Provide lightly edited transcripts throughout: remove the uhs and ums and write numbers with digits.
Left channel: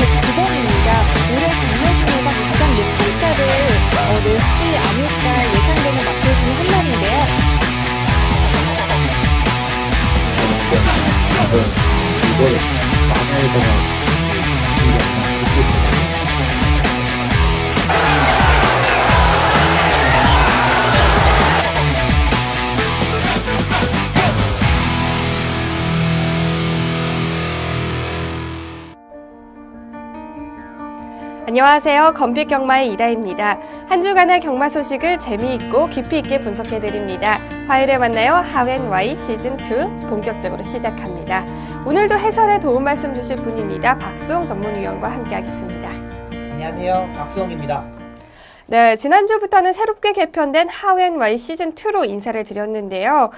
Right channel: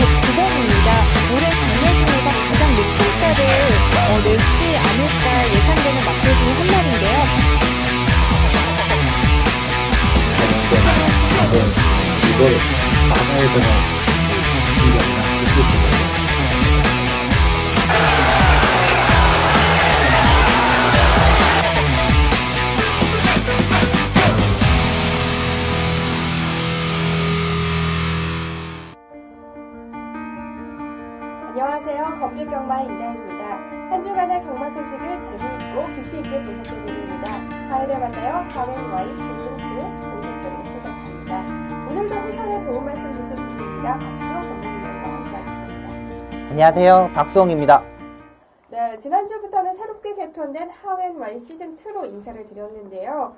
109번입니다. 올해 경매 중에서 가장 높은 가를 내지 않을까 예상되는 마필 중 한 마리인데요. 이걸 만화에다가 신기한 기술을 안녕하세요. 건빛경마의 이다입니다. 한 주간의 경마 소식을 재미있고 깊이 있게 분석해드립니다. 화요일에 만나요. 하웬Y 시즌2 본격적으로 시작합니다. 오늘도 해설에 도움 말씀 주실 분입니다. 박수홍 전문위원과 함께하겠습니다. 안녕하세요. 박수홍입니다. 네, 지난주부터는 새롭게 개편된 하웬Y 시즌2로 인사를 드렸는데요.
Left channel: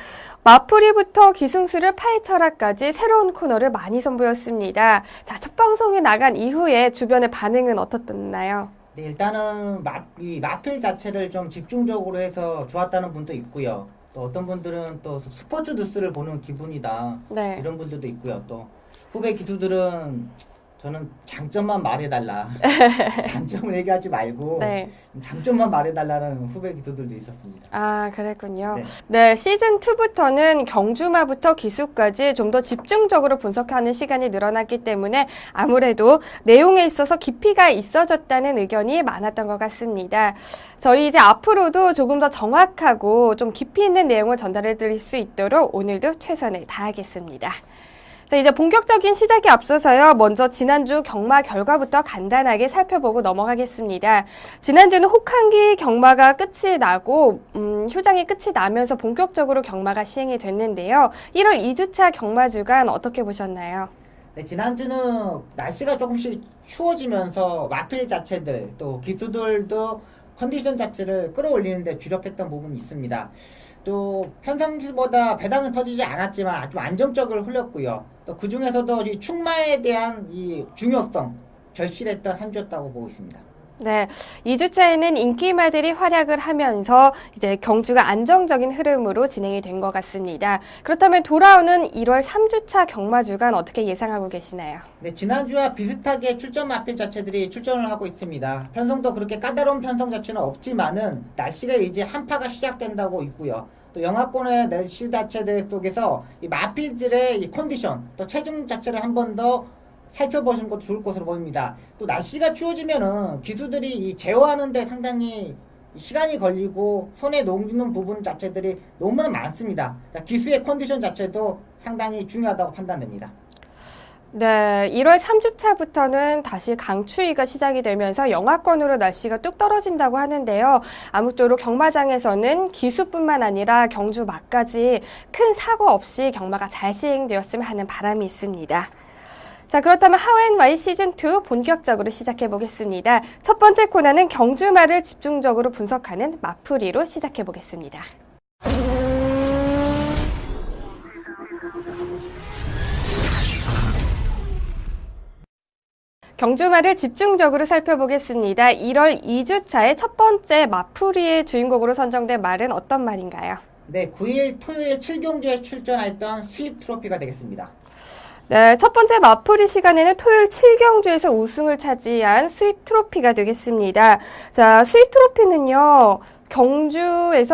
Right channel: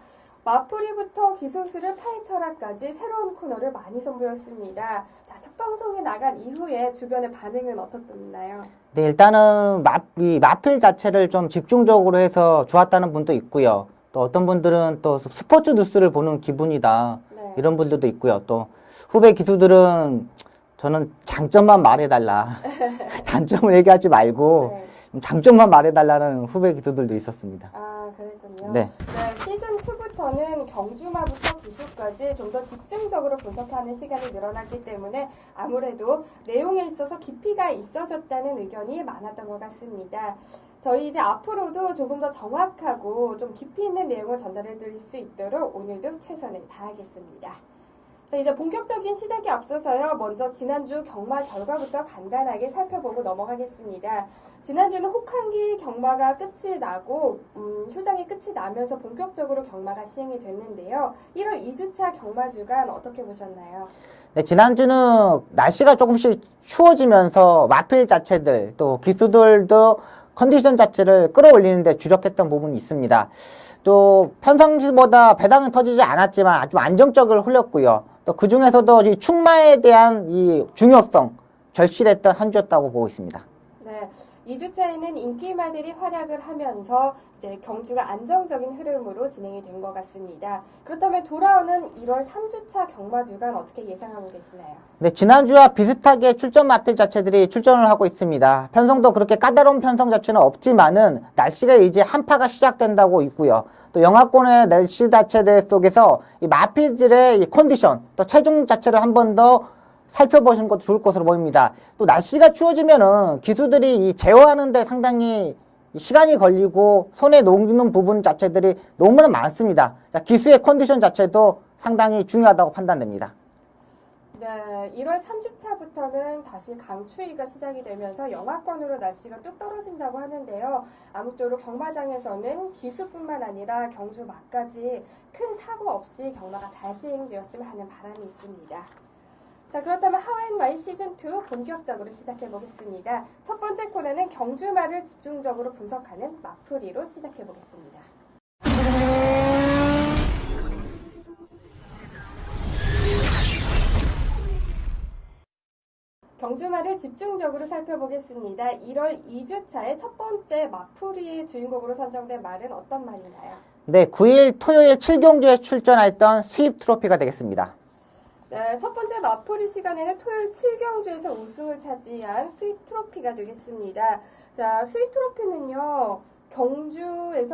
마풀이부터 기승수를 파헤쳐라까지 새로운 코너를 많이 선보였습니다. 자, 첫 방송이 나간 이후에 주변의 반응은 어떻나요? 네, 일단은 마필 자체를 좀 집중적으로 해서 좋았다는 분도 있고요. 또 어떤 분들은 또 스포츠 뉴스를 보는 기분이다. 네. 이런 분들도 있고요. 또 후배 기수들은 저는 장점만 말해달라. 단점을 얘기하지 말고 네. 장점만 말해달라는 후배 기수들도 있었습니다. 아, 그랬군요. 네. 네, 시즌2부터는 경주마부터 기수까지 좀 더 집중적으로 분석하는 시간이 늘어났기 때문에 아무래도 내용에 있어서 깊이가 있어졌다는 의견이 많았던 것 같습니다. 저희 이제 앞으로도 조금 더 정확하고 좀 깊이 있는 내용을 전달해 드릴 수 있도록 오늘도 최선을 다하겠습니다. 자, 이제 본격적인 시작에 앞서서요. 먼저 지난주 경마 결과부터 간단하게 살펴보고 넘어가겠습니다. 지난주는 혹한기 경마가 끝이 나고 휴장이 끝이 나면서 본격적으로 경마가 시행이 됐는데요. 1월 2주차 경마 주간 어떻게 보셨나요? 네, 지난주는 날씨가 조금씩 추워지면서 마필 자체들 또 기수들도 컨디션 자체를 끌어올리는데 주력했던 부분이 있습니다. 또 평상시보다 배당은 터지지 않았지만 좀 안정적으로 흘렸고요. 또 그 중에서도 이 충마에 대한 이 중요성 절실했던 한 주였다고 보고 있습니다. 네, 2주차에는 인기마들이 활약을 하면서 이제 경주가 안정적인 흐름으로 진행이 된 것 같습니다. 그렇다면 돌아오는 1월 3주차 경마 주간 어떻게 예상하고 계시나요? 네, 지난주와 비슷하게 출전 마필 자체들이 출전을 하고 있습니다. 편성도 그렇게 까다로운 편성 자체는 없지만은 날씨가 이제 한파가 시작된다고 있고요. 또 영하권의 날씨 자체들 속에서 이 마필들의 이 컨디션, 또 체중 자체를 한 번 더 살펴보시는 것도 좋을 것으로 보입니다. 또 날씨가 추워지면은 기수들이 이 제어하는데 상당히 시간이 걸리고 손에 녹는 부분 자체들이 너무나 많습니다. 기수의 컨디션 자체도 상당히 중요하다고 판단됩니다. 네, 1월 3주차부터는 다시 강추위가 시작이 되면서 영하권으로 날씨가 뚝 떨어진다고 하는데요. 아무쪼록 경마장에서는 기수뿐만 아니라 경주 막까지 큰 사고 없이 경마가 잘 시행되었으면 하는 바람이 있습니다. 자, 그렇다면 하웬Y 시즌2 본격적으로 시작해 보겠습니다. 첫 번째 코너는 경주마를 집중적으로 분석하는 마풀이로 시작해 보겠습니다. 경주마를 집중적으로 살펴보겠습니다. 1월 2주차의 첫 번째 마풀이의 주인공으로 선정된 말은 어떤 말인가요? 네, 9일 토요일 7경주에 출전했던 수입 트로피가 되겠습니다. 네, 첫 번째 마풀이 시간에는 토요일 7경주에서 우승을 차지한 수입 트로피가 되겠습니다. 자, 수입 트로피는요.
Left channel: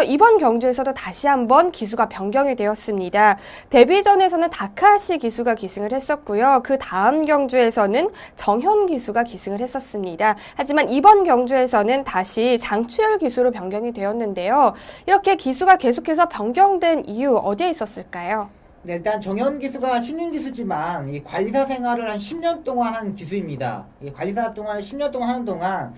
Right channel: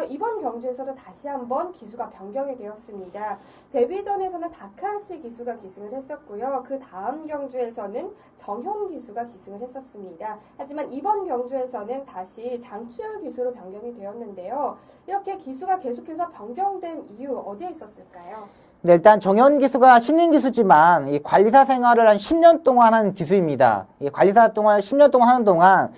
이번 경주에서도 다시 한번 기수가 변경이 되었습니다. 데뷔전에서는 다카시 기수가 기승을 했었고요. 그 다음 경주에서는 정현 기수가 기승을 했었습니다. 하지만 이번 경주에서는 다시 장추열 기수로 변경이 되었는데요. 이렇게 기수가 계속해서 변경된 이유 어디에 있었을까요? 네, 일단 정현 기수가 신인 기수지만 이 관리사 생활을 한 10년 동안 한 기수입니다. 이 관리사 동안 10년 동안 하는 동안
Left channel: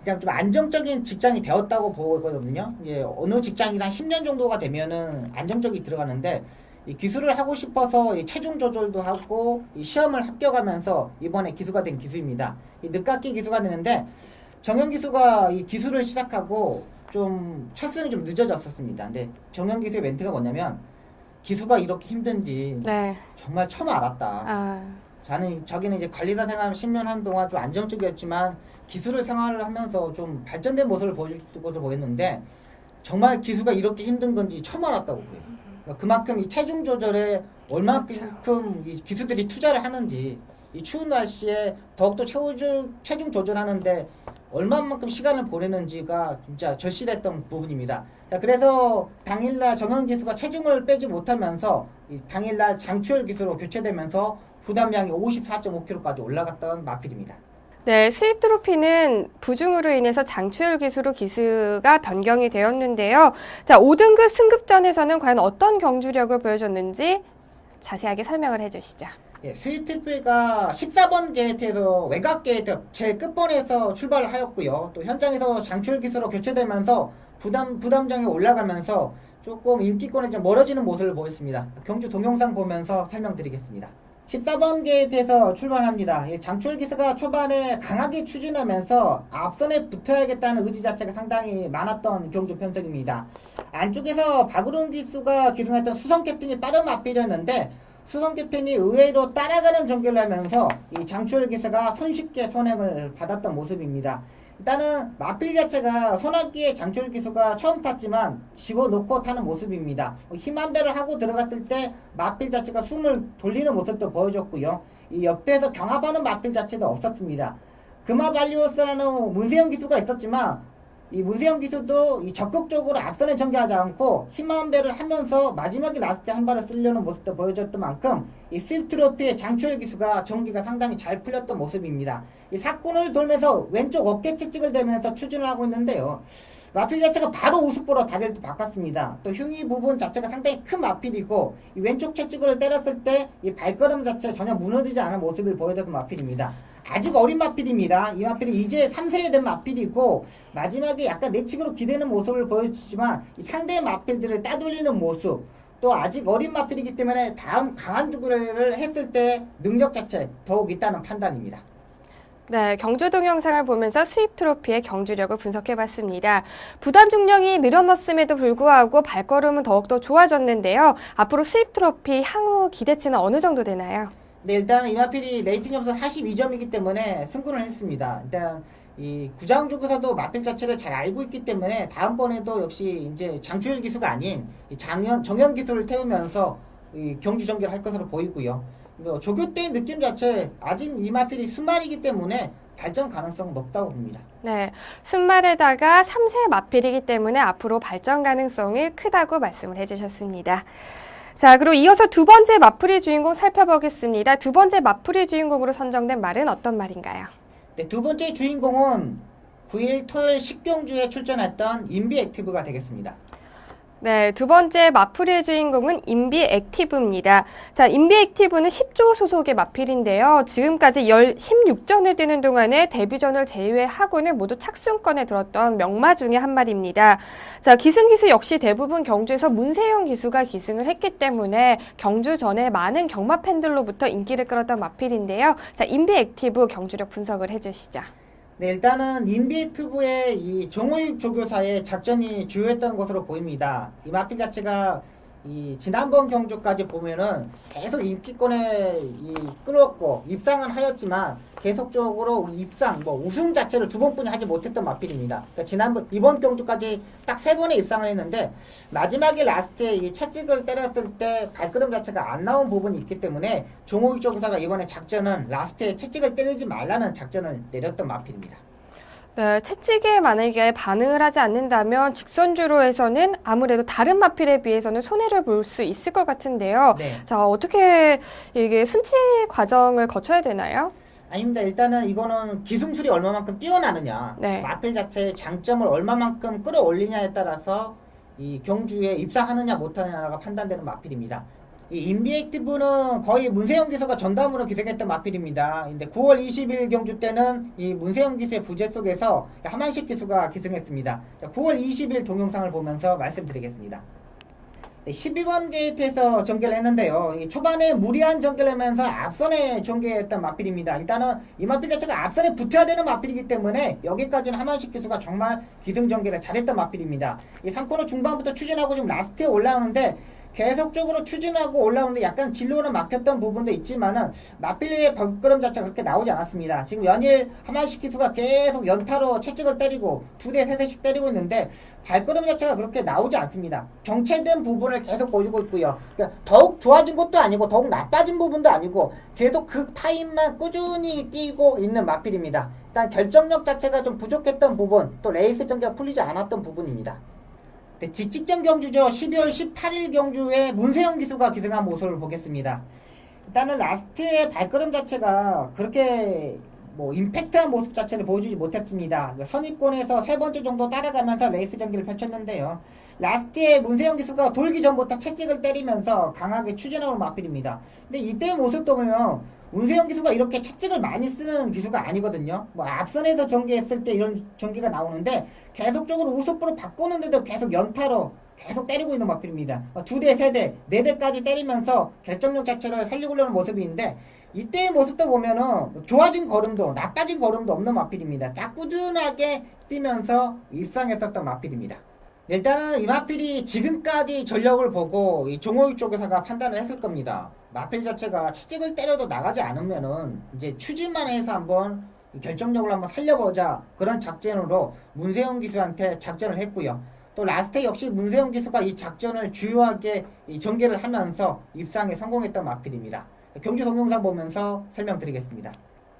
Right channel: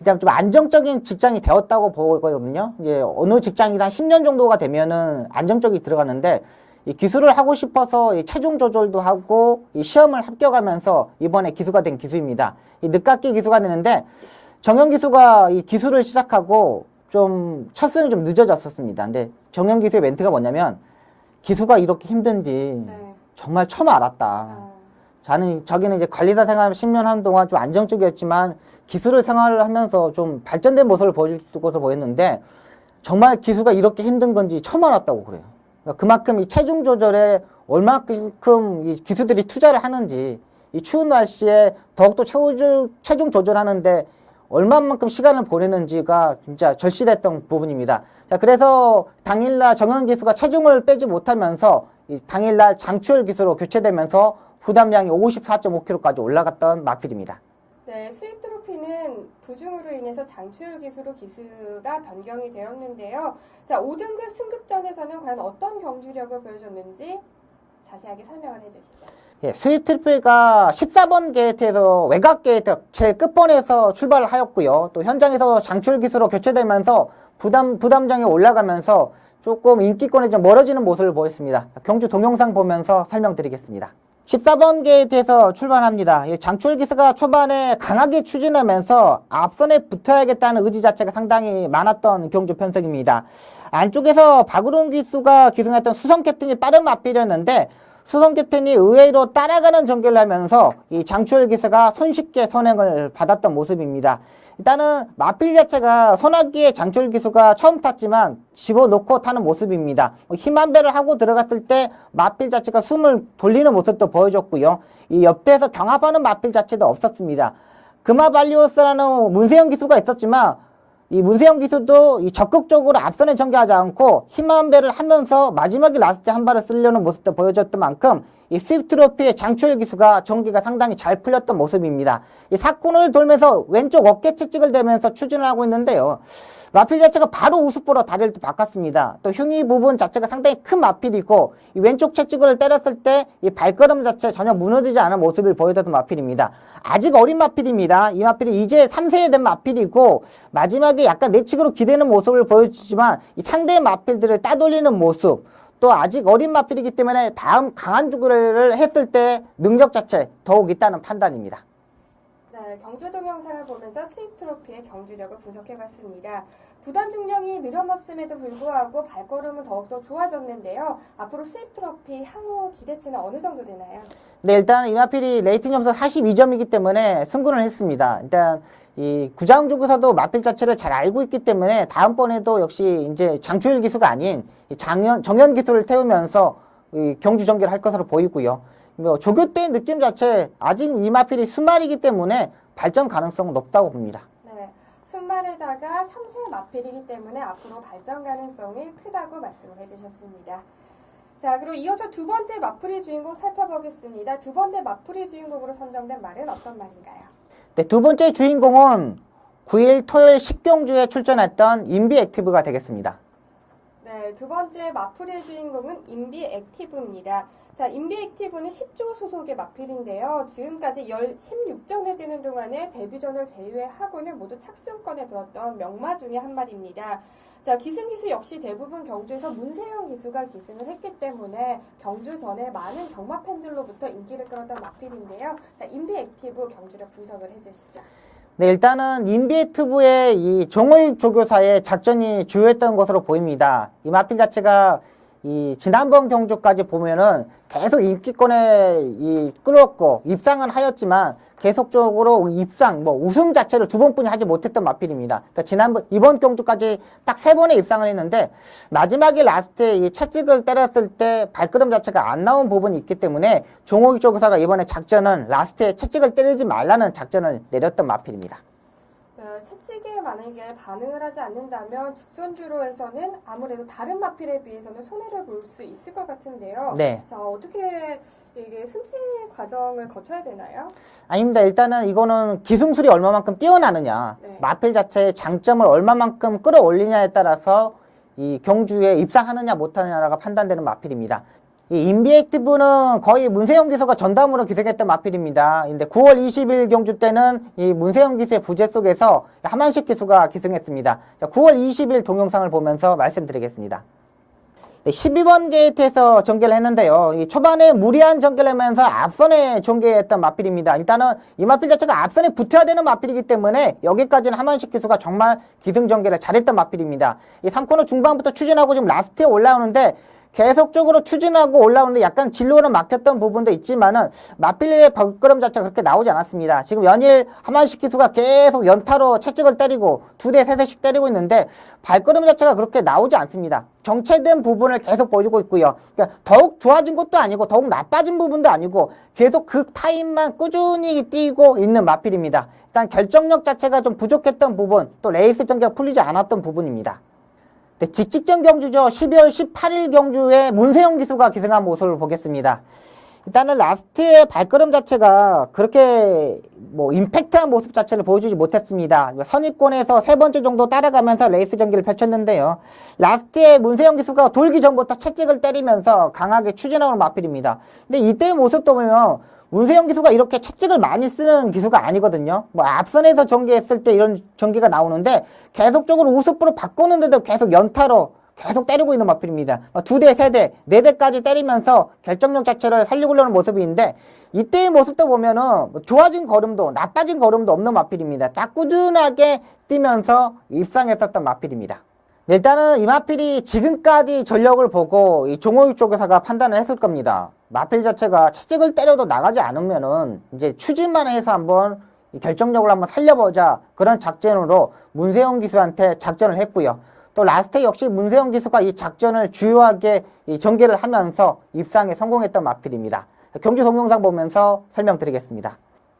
이제 좀 안정적인 직장이 되었다고 보거든요. 이제 어느 직장이다 10년 정도가 되면은 안정적이 들어가는데 이 기수를 하고 싶어서 이 체중 조절도 하고 이 시험을 합격하면서 이번에 기수가 된 기수입니다. 이 늦깎이 기수가 되는데 정현 기수가 이 기수를 시작하고 좀 첫승이 좀 늦어졌었습니다. 근데 정현 기수의 멘트가 뭐냐면 기수가 이렇게 힘든지 네. 정말 처음 알았다. 자기는 이제 관리사 생활 10년 하는 동안 좀 안정적이었지만 기수를 생활을 하면서 좀 발전된 모습을 보여줄 것으로 보였는데 정말 기수가 이렇게 힘든 건지 처음 알았다고 그래요. 그러니까 그만큼 이 체중 조절에 얼마큼 이 기수들이 투자를 하는지 이 추운 날씨에 더욱더 체중 조절하는데 얼마만큼 시간을 보내는지가 진짜 절실했던 부분입니다. 자, 그래서 당일날 정현 기수가 체중을 빼지 못하면서 이 당일날 장추열 기수로 교체되면서 부담량이 54.5kg까지 올라갔던 마필입니다. 네, 수입 트로피는 부중으로 인해서 장추열 기수로 기수가 변경이 되었는데요. 자, 5등급 승급전에서는 과연 어떤 경주력을 보여줬는지 자세하게 설명을 해주시죠. 예, 수입 트리플가 14번 게이트에서 외곽 게이트 제일 끝번에서 출발을 하였고요. 또 현장에서 장추열 기수로 교체되면서 부담장이 올라가면서 조금 인기권에 좀 멀어지는 모습을 보였습니다. 경주 동영상 보면서 설명드리겠습니다. 14번 게이트에서 출발합니다. 장추열 기수가 초반에 강하게 추진하면서 앞선에 붙어야겠다는 의지 자체가 상당히 많았던 경주 편성입니다. 안쪽에서 박우름 기수가 기승했던 수성 캡틴이 빠른 맞비렸는데 수성 캡틴이 의외로 따라가는 전개를 하면서 이 장추열 기수가 손쉽게 선행을 받았던 모습입니다. 일단은 마필 자체가 소나기에 장추열 기수가 처음 탔지만 집어넣고 타는 모습입니다. 힘 한 배를 하고 들어갔을 때 마필 자체가 숨을 돌리는 모습도 보여줬고요. 이 옆에서 경합하는 마필 자체도 없었습니다. 금화발리오스라는 문세영 기수가 있었지만 이 문세영 기수도 이 적극적으로 앞선에 전개하지 않고 힘 한 배를 하면서 마지막에 라스트 한 발을 쓰려는 모습도 보여줬던 만큼 이 스위프트 트로피의 장추열 기수가 전개가 상당히 잘 풀렸던 모습입니다. 이 사건을 돌면서 왼쪽 어깨 채찍을 대면서 추진을 하고 있는데요. 마필 자체가 바로 우습보로 다리를 바꿨습니다. 또 흉이 부분 자체가 상당히 큰 마필이고 이 왼쪽 채찍을 때렸을 때 이 발걸음 자체 전혀 무너지지 않은 모습을 보여줬던 마필입니다. 아직 어린 마필입니다. 이 마필이 이제 3세에 된 마필이고 마지막에 약간 내측으로 기대는 모습을 보여주지만 이 상대의 마필들을 따돌리는 모습 또 아직 어린 마필이기 때문에 다음 강한 주구를 했을 때 능력 자체 더욱 있다는 판단입니다. 네, 경주 동영상을 보면서 수입 트로피의 경주력을 분석해봤습니다. 부담 중량이 늘어났음에도 불구하고 발걸음은 더욱더 좋아졌는데요. 앞으로 수입 트로피 향후 기대치는 어느 정도 되나요? 네, 일단 이마필이 레이팅 점수 42점이기 때문에 승군을 했습니다. 일단 이 구자웅주구사도 마필 자체를 잘 알고 있기 때문에 다음번에도 역시 이제 장추열 기수가 아닌 정현 기수를 태우면서 이 경주 전개를 할 것으로 보이고요. 뭐 조교 때의 느낌 자체 아직 이마필이 순말이기 때문에 발전 가능성은 높다고 봅니다. 네, 순말에다가 3세 마필이기 때문에 앞으로 발전 가능성이 크다고 말씀을 해주셨습니다. 자, 그리고 이어서 두 번째 마풀이 주인공 살펴보겠습니다. 두 번째 마풀이 주인공으로 선정된 말은 어떤 말인가요? 네, 두 번째 주인공은 9일 토요일 10경주에 출전했던 인비 액티브가 되겠습니다. 네, 두 번째 마풀이의 주인공은 인비 액티브입니다. 자, 인비 액티브는 10조 소속의 마필인데요. 지금까지 16전을 뛰는 동안에 데뷔전을 제외하고는 모두 착순권에 들었던 명마 중에 한 마리입니다. 자, 기승 기수 역시 대부분 경주에서 문세영 기수가 기승을 했기 때문에 경주 전에 많은 경마 팬들로부터 인기를 끌었던 마필인데요. 자, 인비 액티브 경주력 분석을 해주시죠. 네, 일단은 인비액티브의 이 종호익 조교사의 작전이 주요했던 것으로 보입니다. 이 마필 자체가 이 지난번 경주까지 보면은 계속 인기권에 끌었고 입상은 하였지만 계속적으로 입상, 우승 자체를 두 번뿐이 하지 못했던 마필입니다. 그러니까 이번 경주까지 딱 3번의 입상을 했는데 마지막에 라스트에 이 채찍을 때렸을 때 발걸음 자체가 안 나온 부분이 있기 때문에 종호익 조교사가 이번에 작전은 라스트에 채찍을 때리지 말라는 작전을 내렸던 마필입니다. 네, 채찍에 만약에 반응을 하지 않는다면 직선주로에서는 아무래도 다른 마필에 비해서는 손해를 볼 수 있을 것 같은데요. 네. 자, 어떻게 이게 순치 과정을 거쳐야 되나요? 아닙니다. 일단은 이거는 기승술이 얼마만큼 뛰어나느냐, 네. 마필 자체의 장점을 얼마만큼 끌어올리냐에 따라서 이 경주에 입상하느냐 못하느냐가 판단되는 마필입니다. 이 인비액티브는 거의 문세영 기수가 전담으로 기승했던 마필입니다. 근데 9월 20일 경주 때는 이 문세영 기수의 부재 속에서 하만식 기수가 기승했습니다. 자, 9월 20일 동영상을 보면서 말씀드리겠습니다. 12번 게이트에서 전개를 했는데요. 이 초반에 무리한 전개를 하면서 앞선에 전개했던 마필입니다. 일단은 이 마필 자체가 앞선에 붙어야 되는 마필이기 때문에 여기까지는 하만식 기수가 정말 기승 전개를 잘했던 마필입니다. 이 3코너 중반부터 추진하고 지금 라스트에 올라오는데 계속적으로 추진하고 올라오는데 약간 진로는 막혔던 부분도 있지만은 마필의 발걸음 자체가 그렇게 나오지 않았습니다. 지금 연일 하만식 기수가 계속 연타로 채찍을 때리고 2대, 3대씩 때리고 있는데 발걸음 자체가 그렇게 나오지 않습니다. 정체된 부분을 계속 보여주고 있고요. 그러니까 더욱 좋아진 것도 아니고 더욱 나빠진 부분도 아니고 계속 그 타임만 꾸준히 뛰고 있는 마필입니다. 일단 결정력 자체가 좀 부족했던 부분, 또 레이스 전개가 풀리지 않았던 부분입니다. 네, 직직전 경주죠. 12월 18일 경주에 문세영 기수가 기승한 모습을 보겠습니다. 일단은 라스트의 발걸음 자체가 그렇게 뭐 임팩트한 모습 자체를 보여주지 못했습니다. 선입권에서 3번째 정도 따라가면서 레이스 전개를 펼쳤는데요. 라스트에 문세영 기수가 돌기 전부터 채찍을 때리면서 강하게 추진하는 마필입니다. 근데 이때의 모습도 보면 문세영 기수가 이렇게 채찍을 많이 쓰는 기수가 아니거든요. 뭐 앞선에서 전개했을 때 이런 전개가 나오는데 계속적으로 우습으로 바꾸는데도 계속 연타로 계속 때리고 있는 마필입니다. 2대, 3대, 4대까지 때리면서 결정력 자체를 살리려는 모습인데 이때의 모습도 보면은 좋아진 걸음도 나빠진 걸음도 없는 마필입니다. 딱 꾸준하게 뛰면서 입상했었던 마필입니다. 일단은 이 마필이 지금까지 전력을 보고 이 종호육 쪽에서가 판단을 했을 겁니다. 마필 자체가 채찍을 때려도 나가지 않으면은 이제 추진만 해서 한번 결정력을 한번 살려보자 그런 작전으로 문세영 기수한테 작전을 했고요. 또 라스트 역시 문세영 기수가 이 작전을 주요하게 이 전개를 하면서 입상에 성공했던 마필입니다. 경주 동영상 보면서 설명드리겠습니다.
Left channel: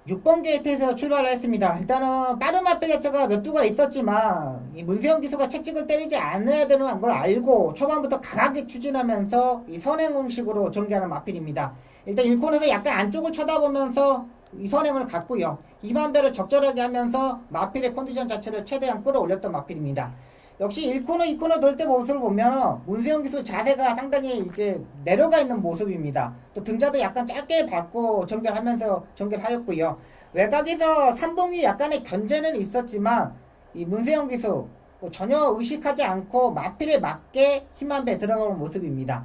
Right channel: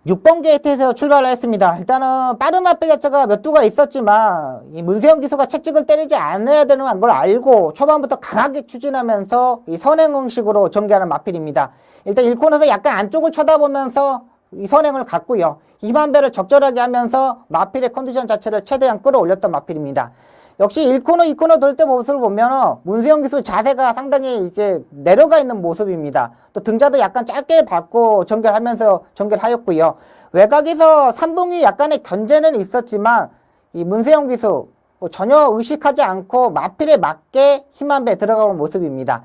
6번 게이트에서 출발을 했습니다. 일단은 빠른 마필 자체가 몇 두가 있었지만 이 문세영 기수가 채찍을 때리지 않아야 되는 걸 알고 초반부터 강하게 추진하면서 이 선행응식으로 전개하는 마필입니다. 일단 1코너에서 약간 안쪽을 쳐다보면서 이 선행을 갔고요. 2만배를 적절하게 하면서 마필의 컨디션 자체를 최대한 끌어올렸던 마필입니다. 역시 1코너, 2코너 돌 때 모습을 보면 문세영 기수 자세가 상당히 이제 내려가 있는 모습입니다. 또 등자도 약간 짧게 밟고 전개하면서 전개를 하였고요. 외곽에서 삼봉이 약간의 견제는 있었지만 이 문세영 기수 전혀 의식하지 않고 마필에 맞게 힘한 배 들어가는 모습입니다.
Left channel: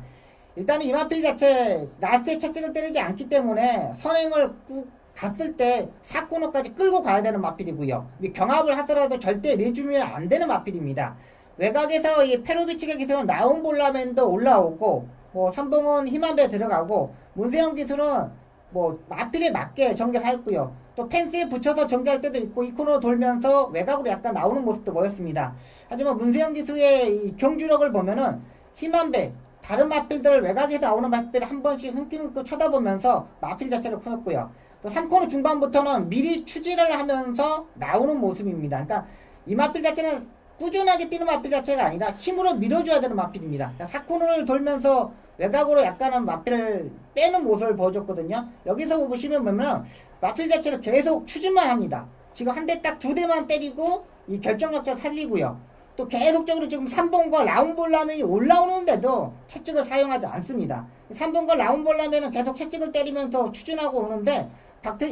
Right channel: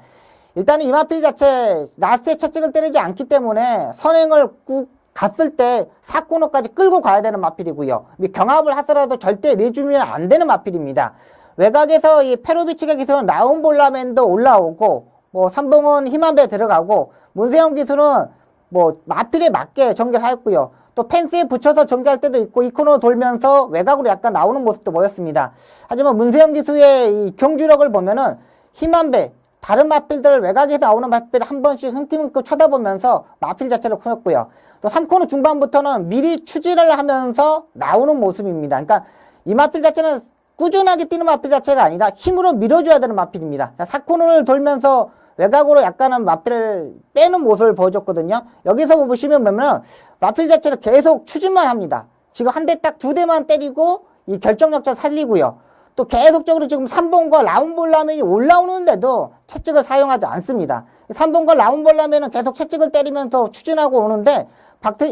일단은 이 마필 자체 라스트에 채찍을 때리지 않기 때문에 선행을 꾹 갔을 때 4코너까지 끌고 가야 되는 마필이고요. 경합을 하더라도 절대 내주면 안 되는 마필입니다. 외곽에서 이 페로비치가 기술은 라운볼라맨도 올라오고 뭐 삼봉은 힘한 배 들어가고 문세영 기술은 뭐 마필에 맞게 전개하였고요. 또 펜스에 붙여서 전개할 때도 있고 이 코너 돌면서 외곽으로 약간 나오는 모습도 보였습니다. 하지만 문세영 기수의 이 경주력을 보면은 힘한 배 다른 마필들 외곽에서 나오는 마필을 한 번씩 흔쾌흔쾌 쳐다보면서 마필 자체를 풀었고요. 또 3코너 중반부터는 미리 추진을 하면서 나오는 모습입니다. 그러니까 이 마필 자체는 꾸준하게 뛰는 마필 자체가 아니라 힘으로 밀어줘야 되는 마필입니다. 4코너를 돌면서 외곽으로 약간은 마필을 빼는 모습을 보여줬거든요. 여기서 보시면 마필 자체를 계속 추진만 합니다. 지금 한 대 딱 2대만 때리고 이 결정력자 살리고요. 또 계속적으로 지금 3번과 라운볼라맨이 올라오는데도 채찍을 사용하지 않습니다. 3번과 라운볼라맨은 계속 채찍을 때리면서 추진하고 오는데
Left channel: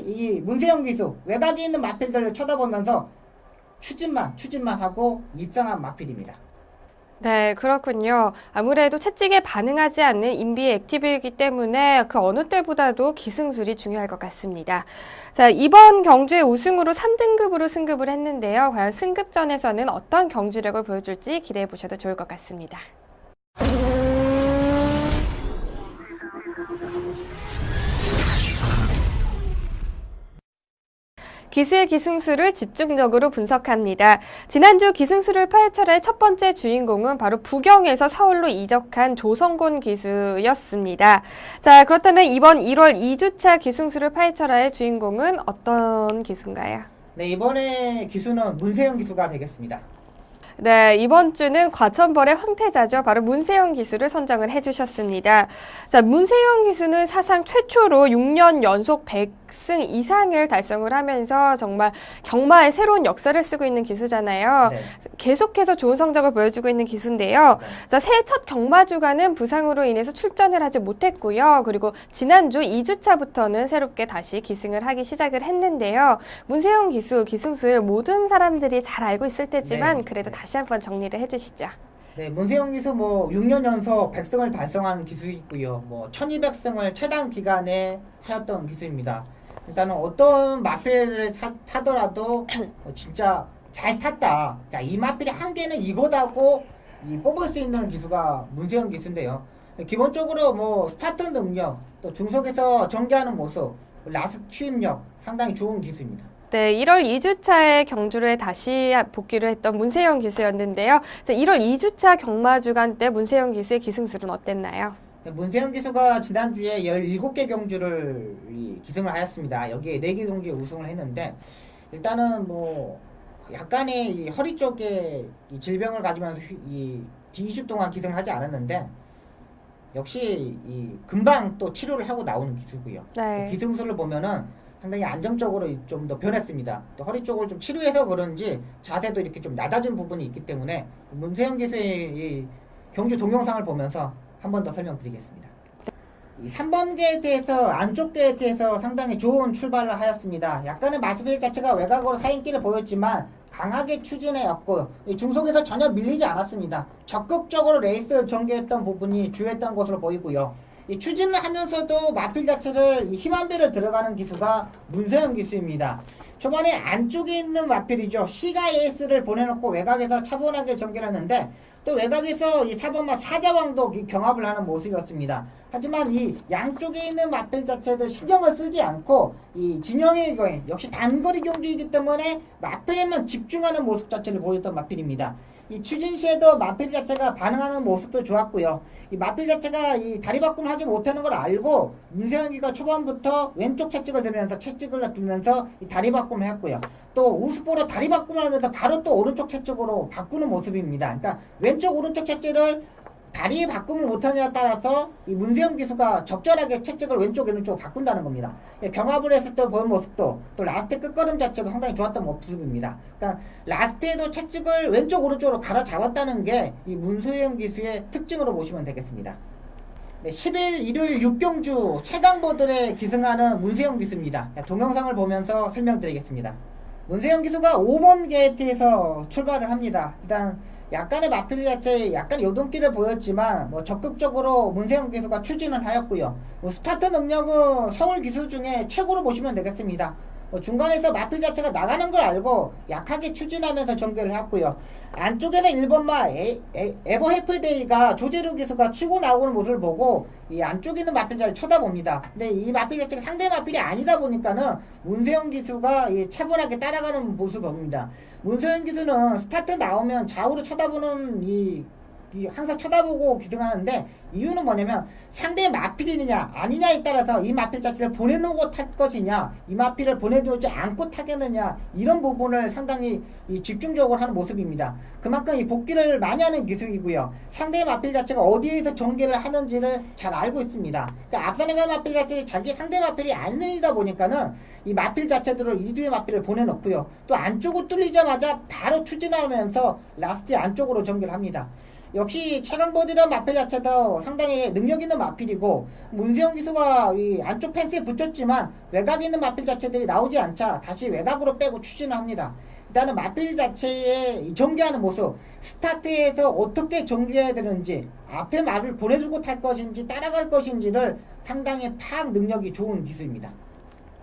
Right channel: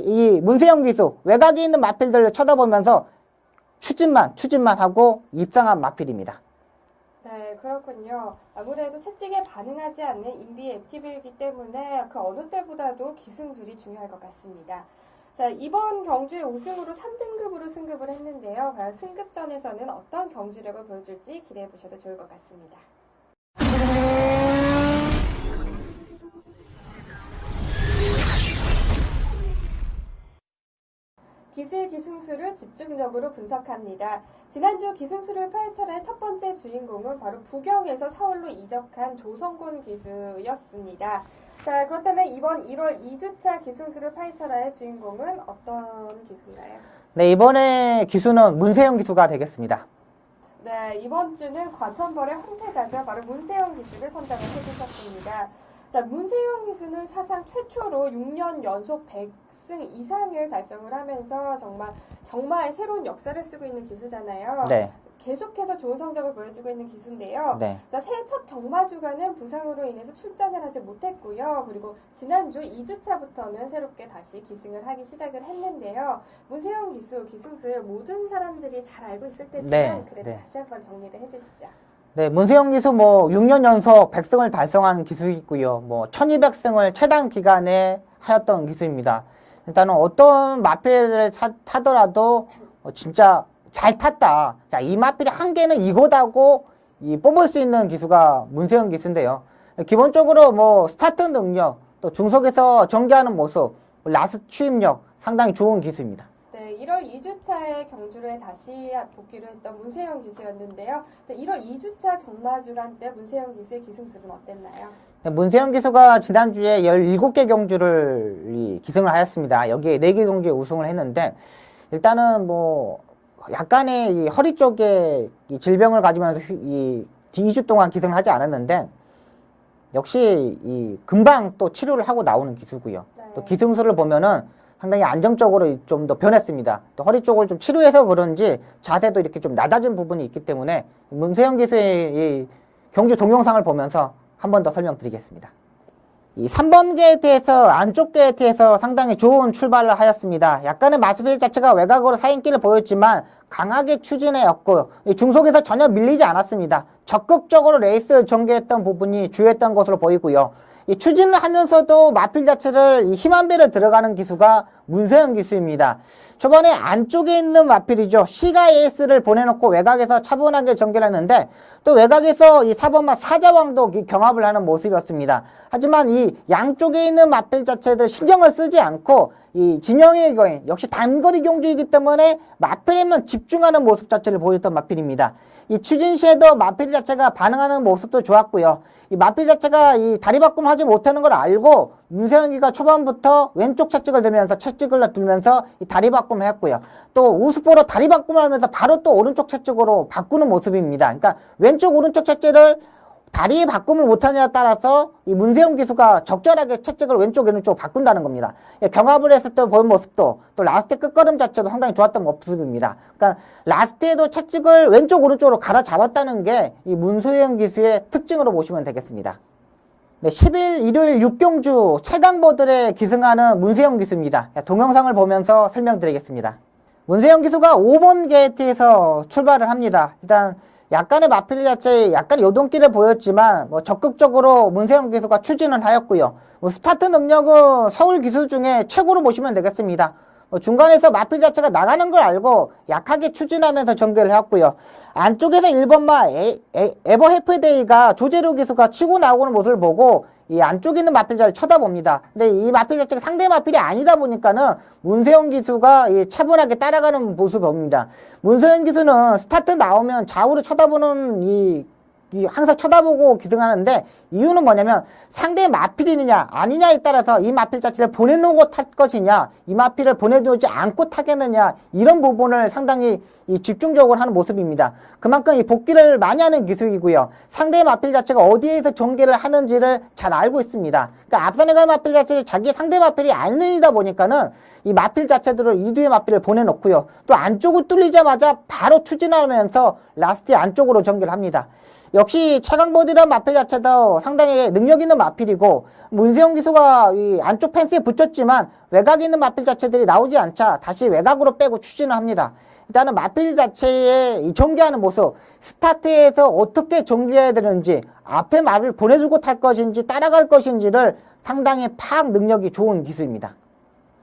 이 문세영 기수 외곽에 있는 마필들을 쳐다보면서 추진만 하고 입상한 마필입니다. 네, 그렇군요. 아무래도 채찍에 반응하지 않는 인비의 액티브이기 때문에 그 어느 때보다도 기승술이 중요할 것 같습니다. 자, 이번 경주의 우승으로 3등급으로 승급을 했는데요. 과연 승급전에서는 어떤 경주력을 보여줄지 기대해 보셔도 좋을 것 같습니다. 기술 기승술을 집중적으로 분석합니다. 지난주 기승술을 파헤쳐라의 첫 번째 주인공은 바로 부경에서 서울로 이적한 조성곤 기수였습니다. 자, 그렇다면 이번 1월 2주차 기승술을 파헤쳐라의 주인공은 어떤 기수인가요? 네, 이번에 기수는 문세영 기수가 되겠습니다. 네, 이번 주는 과천벌의 황태자죠. 바로 문세영 기수를 선정을 해주셨습니다. 자, 문세영 기수는 사상 최초로 6년 연속 100승 이상을 달성을 하면서 정말 경마의 새로운 역사를 쓰고 있는 기수잖아요. 네. 계속해서 좋은 성적을 보여주고 있는 기수인데요. 네. 자, 새해 첫 경마주간은 부상으로 인해서 출전을 하지 못했고요. 그리고 지난주 2주차부터는 새롭게 다시 기승을 하기 시작을 했는데요. 문세영 기수, 기승술 모든 사람들이 잘 알고 있을 테지만 네. 그래도 네. 다시 한번 정리를 해주시죠. 네, 문세영 기수 6년 연속 100승을 달성한 기수이고요. 1200승을 최단 기간에 하였던 기수입니다. 일단은 어떤 마필을 타더라도 진짜 잘 탔다. 자, 이 마필의 한계는 이거다고 뽑을 수 있는 기수가 문세영 기수인데요. 기본적으로 뭐 스타트 능력, 또 중속에서 전개하는 모습, 라스트 추입력 상당히 좋은 기수입니다. 네, 1월 2주차에 경주를 다시 복귀를 했던 문세영 기수였는데요. 1월 2주차 경마 주간 때 문세영 기수의 기승술은 어땠나요? 문세영 기수가 지난주에 17개 경주를 기승을 하였습니다. 여기에 4개 경주에 우승을 했는데, 일단은 뭐 약간의 이 허리 쪽에 이 질병을 가지면서 2주 동안 기승을 하지 않았는데, 역시 이 금방 또 치료를 하고 나오는 기수고요. 네. 또 기승술을 보면은 상당히 안정적으로 좀 더 변했습니다. 또 허리 쪽을 좀 치료해서 그런지 자세도 이렇게 좀 낮아진 부분이 있기 때문에 문세영 기수의 이 경주 동영상을 보면서 한 번 더 설명드리겠습니다. 이 3번 게이트에서 안쪽 게이트에서 상당히 좋은 출발을 하였습니다. 약간의 마스빌 자체가 외곽으로 사인기를 보였지만 강하게 추진해였고 중속에서 전혀 밀리지 않았습니다. 적극적으로 레이스 전개했던 부분이 주요했던 것으로 보이고요. 이 추진을 하면서도 마필 자체를 힘한 배를 들어가는 기수가 문세영 기수입니다. 초반에 안쪽에 있는 마필이죠. C가 에이스를 보내놓고 외곽에서 차분하게 전개를 했는데 또 외곽에서 이 4번마 사자왕도 경합을 하는 모습이었습니다. 하지만 이 양쪽에 있는 마필 자체들 신경을 쓰지 않고 이 진영의 거인 역시 단거리 경주이기 때문에 마필에만 집중하는 모습 자체를 보였던 마필입니다. 이 추진 시에도 마필 자체가 반응하는 모습도 좋았고요. 이 마필 자체가 이 다리 바꿈을 하지 못하는 걸 알고 문세영이가 초반부터 왼쪽 채찍을 들면서 채찍을 들면서 이 다리 바꿈을 했고요. 또 우스포로 다리 바꿈을 하면서 바로 또 오른쪽 채찍으로 바꾸는 모습입니다. 그러니까 왼쪽 오른쪽 채찍을 다리 바꿈을 못하냐에 따라서 이 문세영 기수가 적절하게 채찍을 왼쪽 오른쪽 바꾼다는 겁니다. 경합을 했을 때 보인 모습도 또 라스트 끝걸음 자체도 상당히 좋았던 모습입니다. 그러니까 라스트에도 채찍을 왼쪽 오른쪽으로 갈아 잡았다는 게 이 문세영 기수의 특징으로 보시면 되겠습니다. 네, 10일 일요일 6경주 최강보들에 기승하는 문세영 기수입니다. 동영상을 보면서 설명드리겠습니다. 문세영 기수가 5번 게이트에서 출발을 합니다. 일단 약간의 마필 자체에 약간 요동기를 보였지만 뭐 적극적으로 문세영 기수가 추진을 하였고요. 뭐 스타트 능력은 서울 기수 중에 최고로 보시면 되겠습니다. 중간에서 마필 자체가 나가는 걸 알고 약하게 추진하면서 전개를 했고요. 안쪽에서 1번마 에버 해프데이가 조재료 기수가 치고 나오는 모습을 보고 이 안쪽에 있는 마필자를 쳐다봅니다. 근데 이 마필 자체가 상대 마필이 아니다 보니까는 문세영 기수가 차분하게 따라가는 모습을 봅니다. 문세영 기수는 스타트 나오면 좌우로 쳐다보는 항상 쳐다보고 기승하는데 이유는 뭐냐면 상대의 마필이느냐 아니냐에 따라서 이 마필 자체를 보내놓고 탈 것이냐 이 마필을 보내두지 않고 타겠느냐 이런 부분을 상당히 집중적으로 하는 모습입니다. 그만큼 이 복귀를 많이 하는 기술이고요. 상대의 마필 자체가 어디에서 전개를 하는지를 잘 알고 있습니다. 그러니까 앞선에 갈 마필 자체를 자기 상대 마필이 아니다 보니까는 이 마필 자체들을 이두의 마필을 보내놓고요. 또 안쪽을 뚫리자마자 바로 추진하면서 라스트 안쪽으로 전개를 합니다. 역시 최강보디런 마필 자체도 상당히 능력 있는 마필이고 문세영 기수가 이 안쪽 펜스에 붙였지만 외곽에 있는 마필 자체들이 나오지 않자 다시 외곽으로 빼고 추진을 합니다. 일단은 마필 자체의 전개하는 모습 스타트에서 어떻게 전개해야 되는지 앞에 말을 보내주고 탈 것인지 따라갈 것인지를 상당히 파악 능력이 좋은 기수입니다.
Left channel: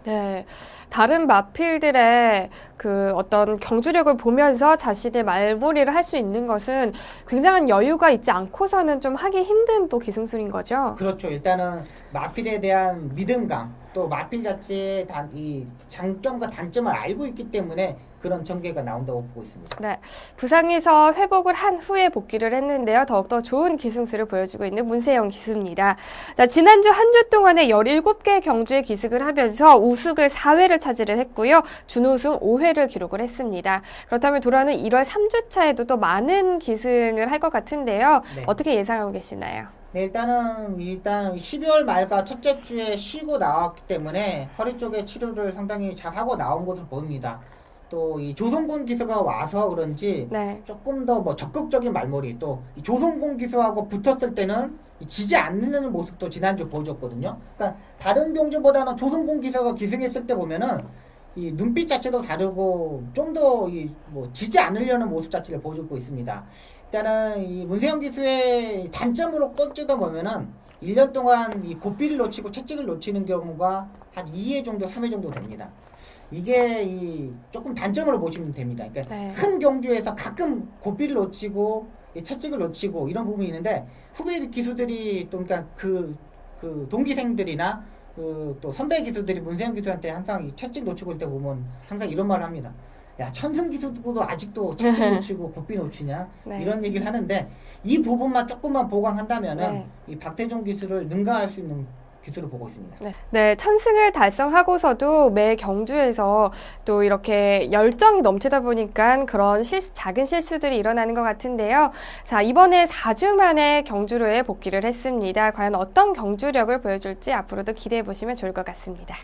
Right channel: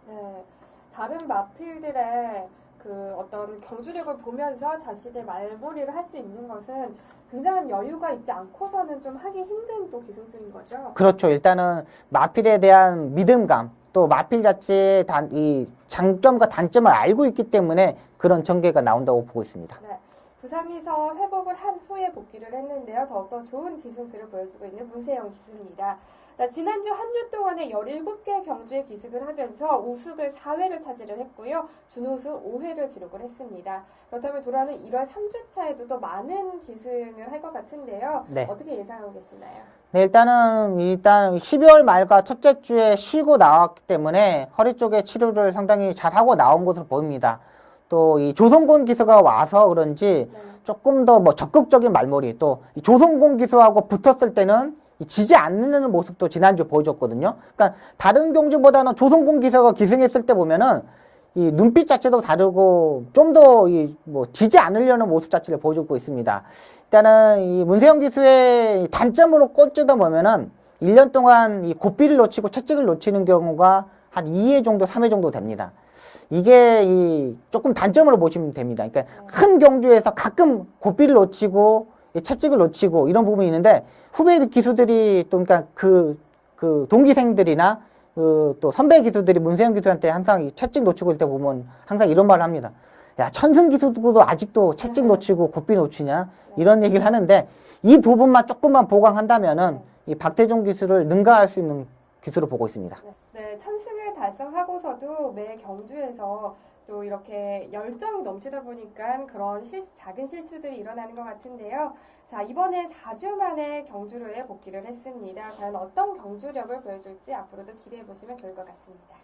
네. 다른 마필들의 그 어떤 경주력을 보면서 자신의 말몰이를 할 수 있는 것은 굉장한 여유가 있지 않고서는 좀 하기 힘든 또 기승술인 거죠. 그렇죠. 일단은 마필에 대한 믿음감 또 마필 자체의 이 장점과 단점을 알고 있기 때문에 그런 전개가 나온다고 보고 있습니다. 네, 부상에서 회복을 한 후에 복귀를 했는데요. 더욱더 좋은 기승술을 보여주고 있는 문세영 기수입니다. 자, 지난주 한 주 동안에 17개 경주에 기승을 하면서 우승을 4회를 차지를 했고요. 준우승 5회를 기록을 했습니다. 그렇다면 돌아오는 1월 3주차에도 또 많은 기승을 할 것 같은데요. 네. 어떻게 예상하고 계시나요? 네, 일단 12월 말과 첫째 주에 쉬고 나왔기 때문에 허리 쪽에 치료를 상당히 잘하고 나온 것으로 보입니다. 또 이 조성곤 기수가 와서 그런지 네. 조금 더 뭐 적극적인 말머리 또 이 조성곤 기수하고 붙었을 때는 지지 않는 모습도 지난주 보여줬거든요. 그러니까 다른 경주보다는 조성곤 기수가 기승했을 때 보면은 이 눈빛 자체도 다르고 좀 더 뭐 지지 않으려는 모습 자체를 보여주고 있습니다. 일단은 이 문세영 기수의 단점으로 꼽지다 보면은 1년 동안 이 고삐를 놓치고 채찍을 놓치는 경우가 한 2회 정도, 3회 정도 됩니다. 이게 조금 단점으로 보시면 됩니다. 그러니까 네. 큰 경주에서 가끔 고삐를 놓치고 채찍을 놓치고 이런 부분이 있는데 후배 기수들이 또 그러니까 그 동기생들이나 또 선배 기수들이 문세영 기수한테 항상 이 채찍 놓치고 있을 때 보면 항상 이런 말을 합니다. 야, 천승 기수도 아직도 채찍 놓치고 고삐 놓치냐? 네. 이런 얘기를 하는데 이 부분만 조금만 보강한다면은 네. 이 박태종 기수를 능가할 수 있는 기수로 보고 있습니다. 네, 천승을 달성하고서도 매 경주에서 또 이렇게 열정이 넘치다 보니까 그런 작은 실수들이 일어나는 것 같은데요. 자, 이번에 4주 만에 경주로에 복귀를 했습니다. 과연 어떤 경주력을 보여줄지 앞으로도 기대해 보시면 좋을 것 같습니다.